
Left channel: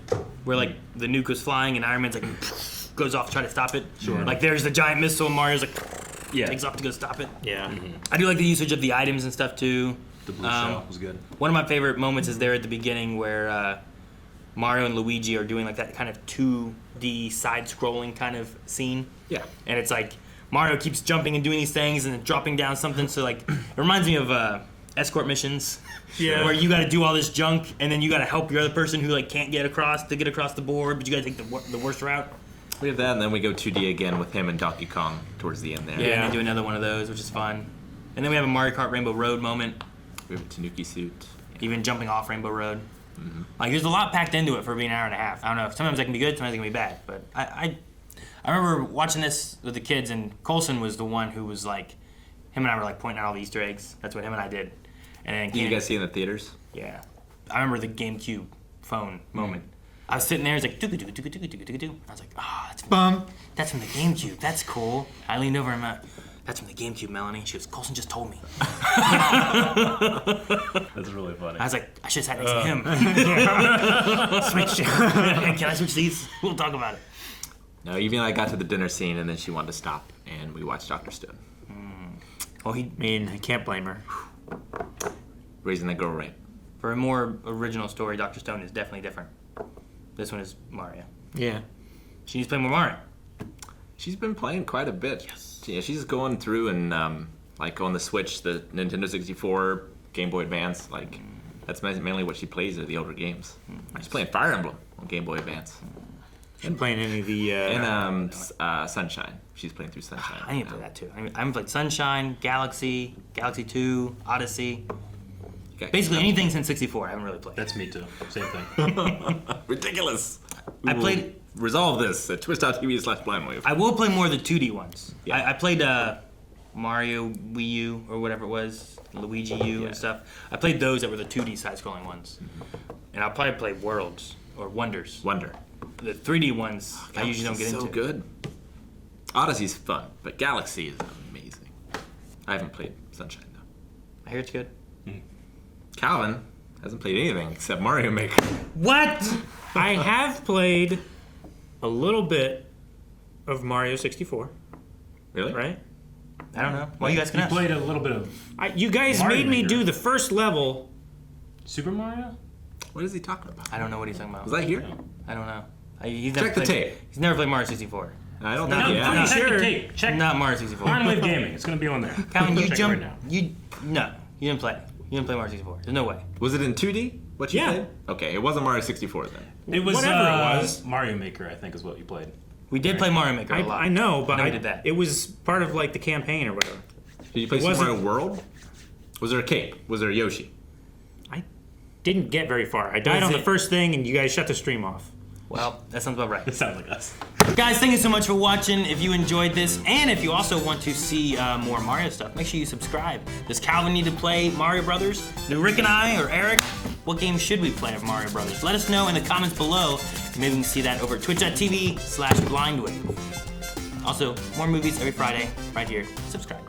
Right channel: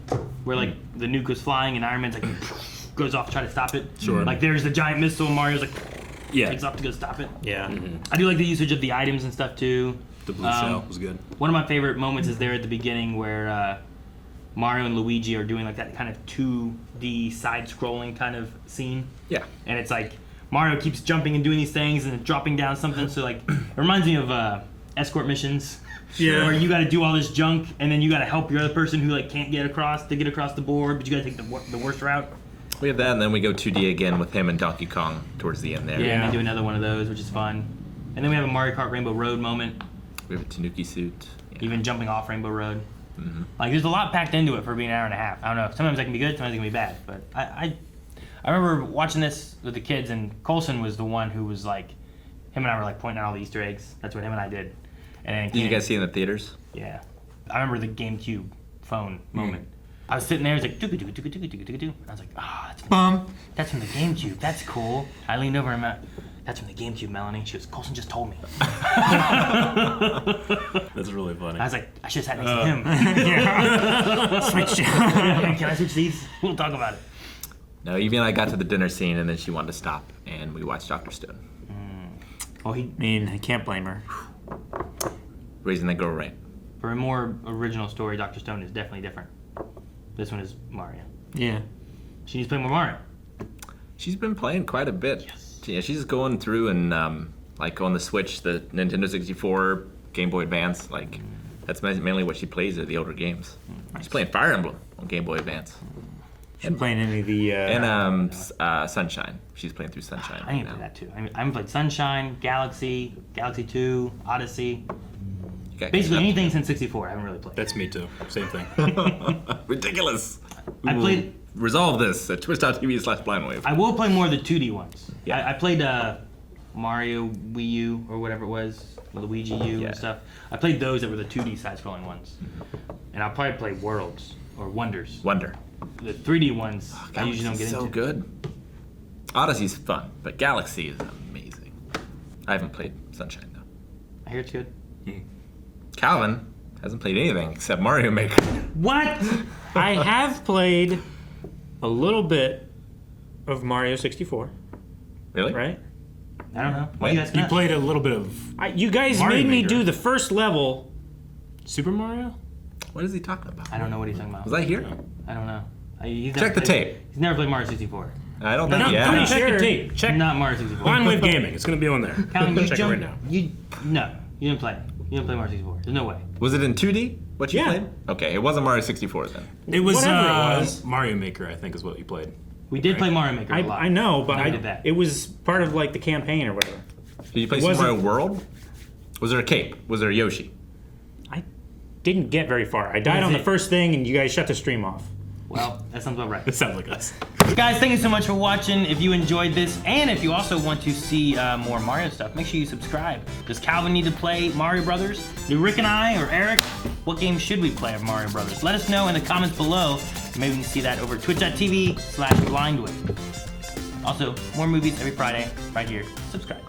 where like the nuke was flying and Iron Man's like goes off to try to stop it. Sure. Like there's the giant missile and Mario's like Yeah. takes off to go stop it. Yeah. I do like the usage of the items and stuff too. The blue shell was good. One of my favorite moments is there at the beginning where Mario and Luigi are doing like that kind of 2D side-scrolling kind of scene. Yeah. And it's like Mario keeps jumping and doing these things and then dropping down something. So like it reminds me of escort missions. Yeah. Where you got to do all this junk and then you got to help your other person who like can't get across to get across the board, but you got to take the worst route. We have that, and then we go 2D again with him and Donkey Kong towards the end there. Yeah. And they do another one of those, which is fun. And then we have a Mario Kart Rainbow Road moment, We have a Tanuki suit. even jumping off Rainbow Road. Like there's a lot packed into it for being an hour and a half. I don't know. Sometimes that can be good, sometimes it can be bad. But I remember watching this with the kids, and Colson was the one who was like, him and I were like pointing out all the Easter eggs. That's what him and I did. And then Did you guys see it in the theaters? Yeah. I remember the GameCube phone moment. I was sitting there, it's like, doo-doo-doo-doo-doo-doo-doo-doo. I was like, that's from the GameCube. That's cool. I leaned over and I'm like, that's from the GameCube, Melanie. She goes, Colson just told me. That's really funny. I was like, I should have sat next to him. Switch. Can I switch seats? We'll talk about it. No, Evie and I got to the dinner scene, and then she wanted to stop, and we watched Dr. Stone. Oh, I mean, I can't blame her. Raising that girl right. for a more original story, Dr. Stone is definitely different. This one is Mario. Yeah. She needs to play more Mario. She's been playing quite a bit. Yes. Yeah, she's going through and like on the Switch, the Nintendo 64, Game Boy Advance. Like that's mainly what she plays are the older games. She's playing Fire Emblem on Game Boy Advance. She's playing any of the and Sunshine. She's playing through Sunshine. I need to play that too. I haven't played Sunshine, Galaxy, Galaxy 2, Odyssey. Basically anything since 64 I haven't really played. That's me too. Same thing. Ridiculous. I played. Resolve this at twitch.tv/blindwave. I will play more of the 2D ones. Yeah. I played Mario Wii U or whatever it was, Luigi U and stuff. I played those that were the 2D side-scrolling ones. And I'll probably play Worlds or Wonders. Wonder. The 3D ones I usually don't get into. So good. Odyssey's fun, but Galaxy is amazing. I haven't played Sunshine though. I hear it's good. Calvin hasn't played anything except Mario Maker. What? I have played a little bit of Mario 64. Really? Right? I don't know. Why you guys You played a little bit of You guys Mario made me Maker. do the first level. Super Mario? What is he talking about? I don't know what he's talking about. Was I here? I don't know. He's Check never the played- tape. He's never played Mario 64. I don't think No, he I'm has. pretty sure. sure. Tape. Check Not Mario 64. Blindwave Gaming. It's gonna be on there. Calvin, you Check it jumped. right now. No, you didn't play it. You didn't play Mario 64. There's no way. Was it in 2D? What you Yeah. played? Okay, it wasn't Mario 64 then. It was, Whatever it was. Mario Maker, I think, is what you played. We did play Mario Maker a lot. I know, but Never did that. it was part of like the campaign or whatever. Did you play It Super wasn't- Mario World? Was there a cape? Was there a Yoshi? I didn't get very far. I died That's on the it. first thing, and you guys shut the stream off. Well, that sounds about right. It sounds like us. Guys, thank you so much for watching. If you enjoyed this, and if you also want to see more Mario stuff, make sure you subscribe. Does Calvin need to play Mario Brothers? Do Rick and I or Eric? What game should we play of Mario Brothers? Let us know in the comments below. Maybe we can see that over twitch.tv/blindwave. Also, more movies every Friday right here. Subscribe.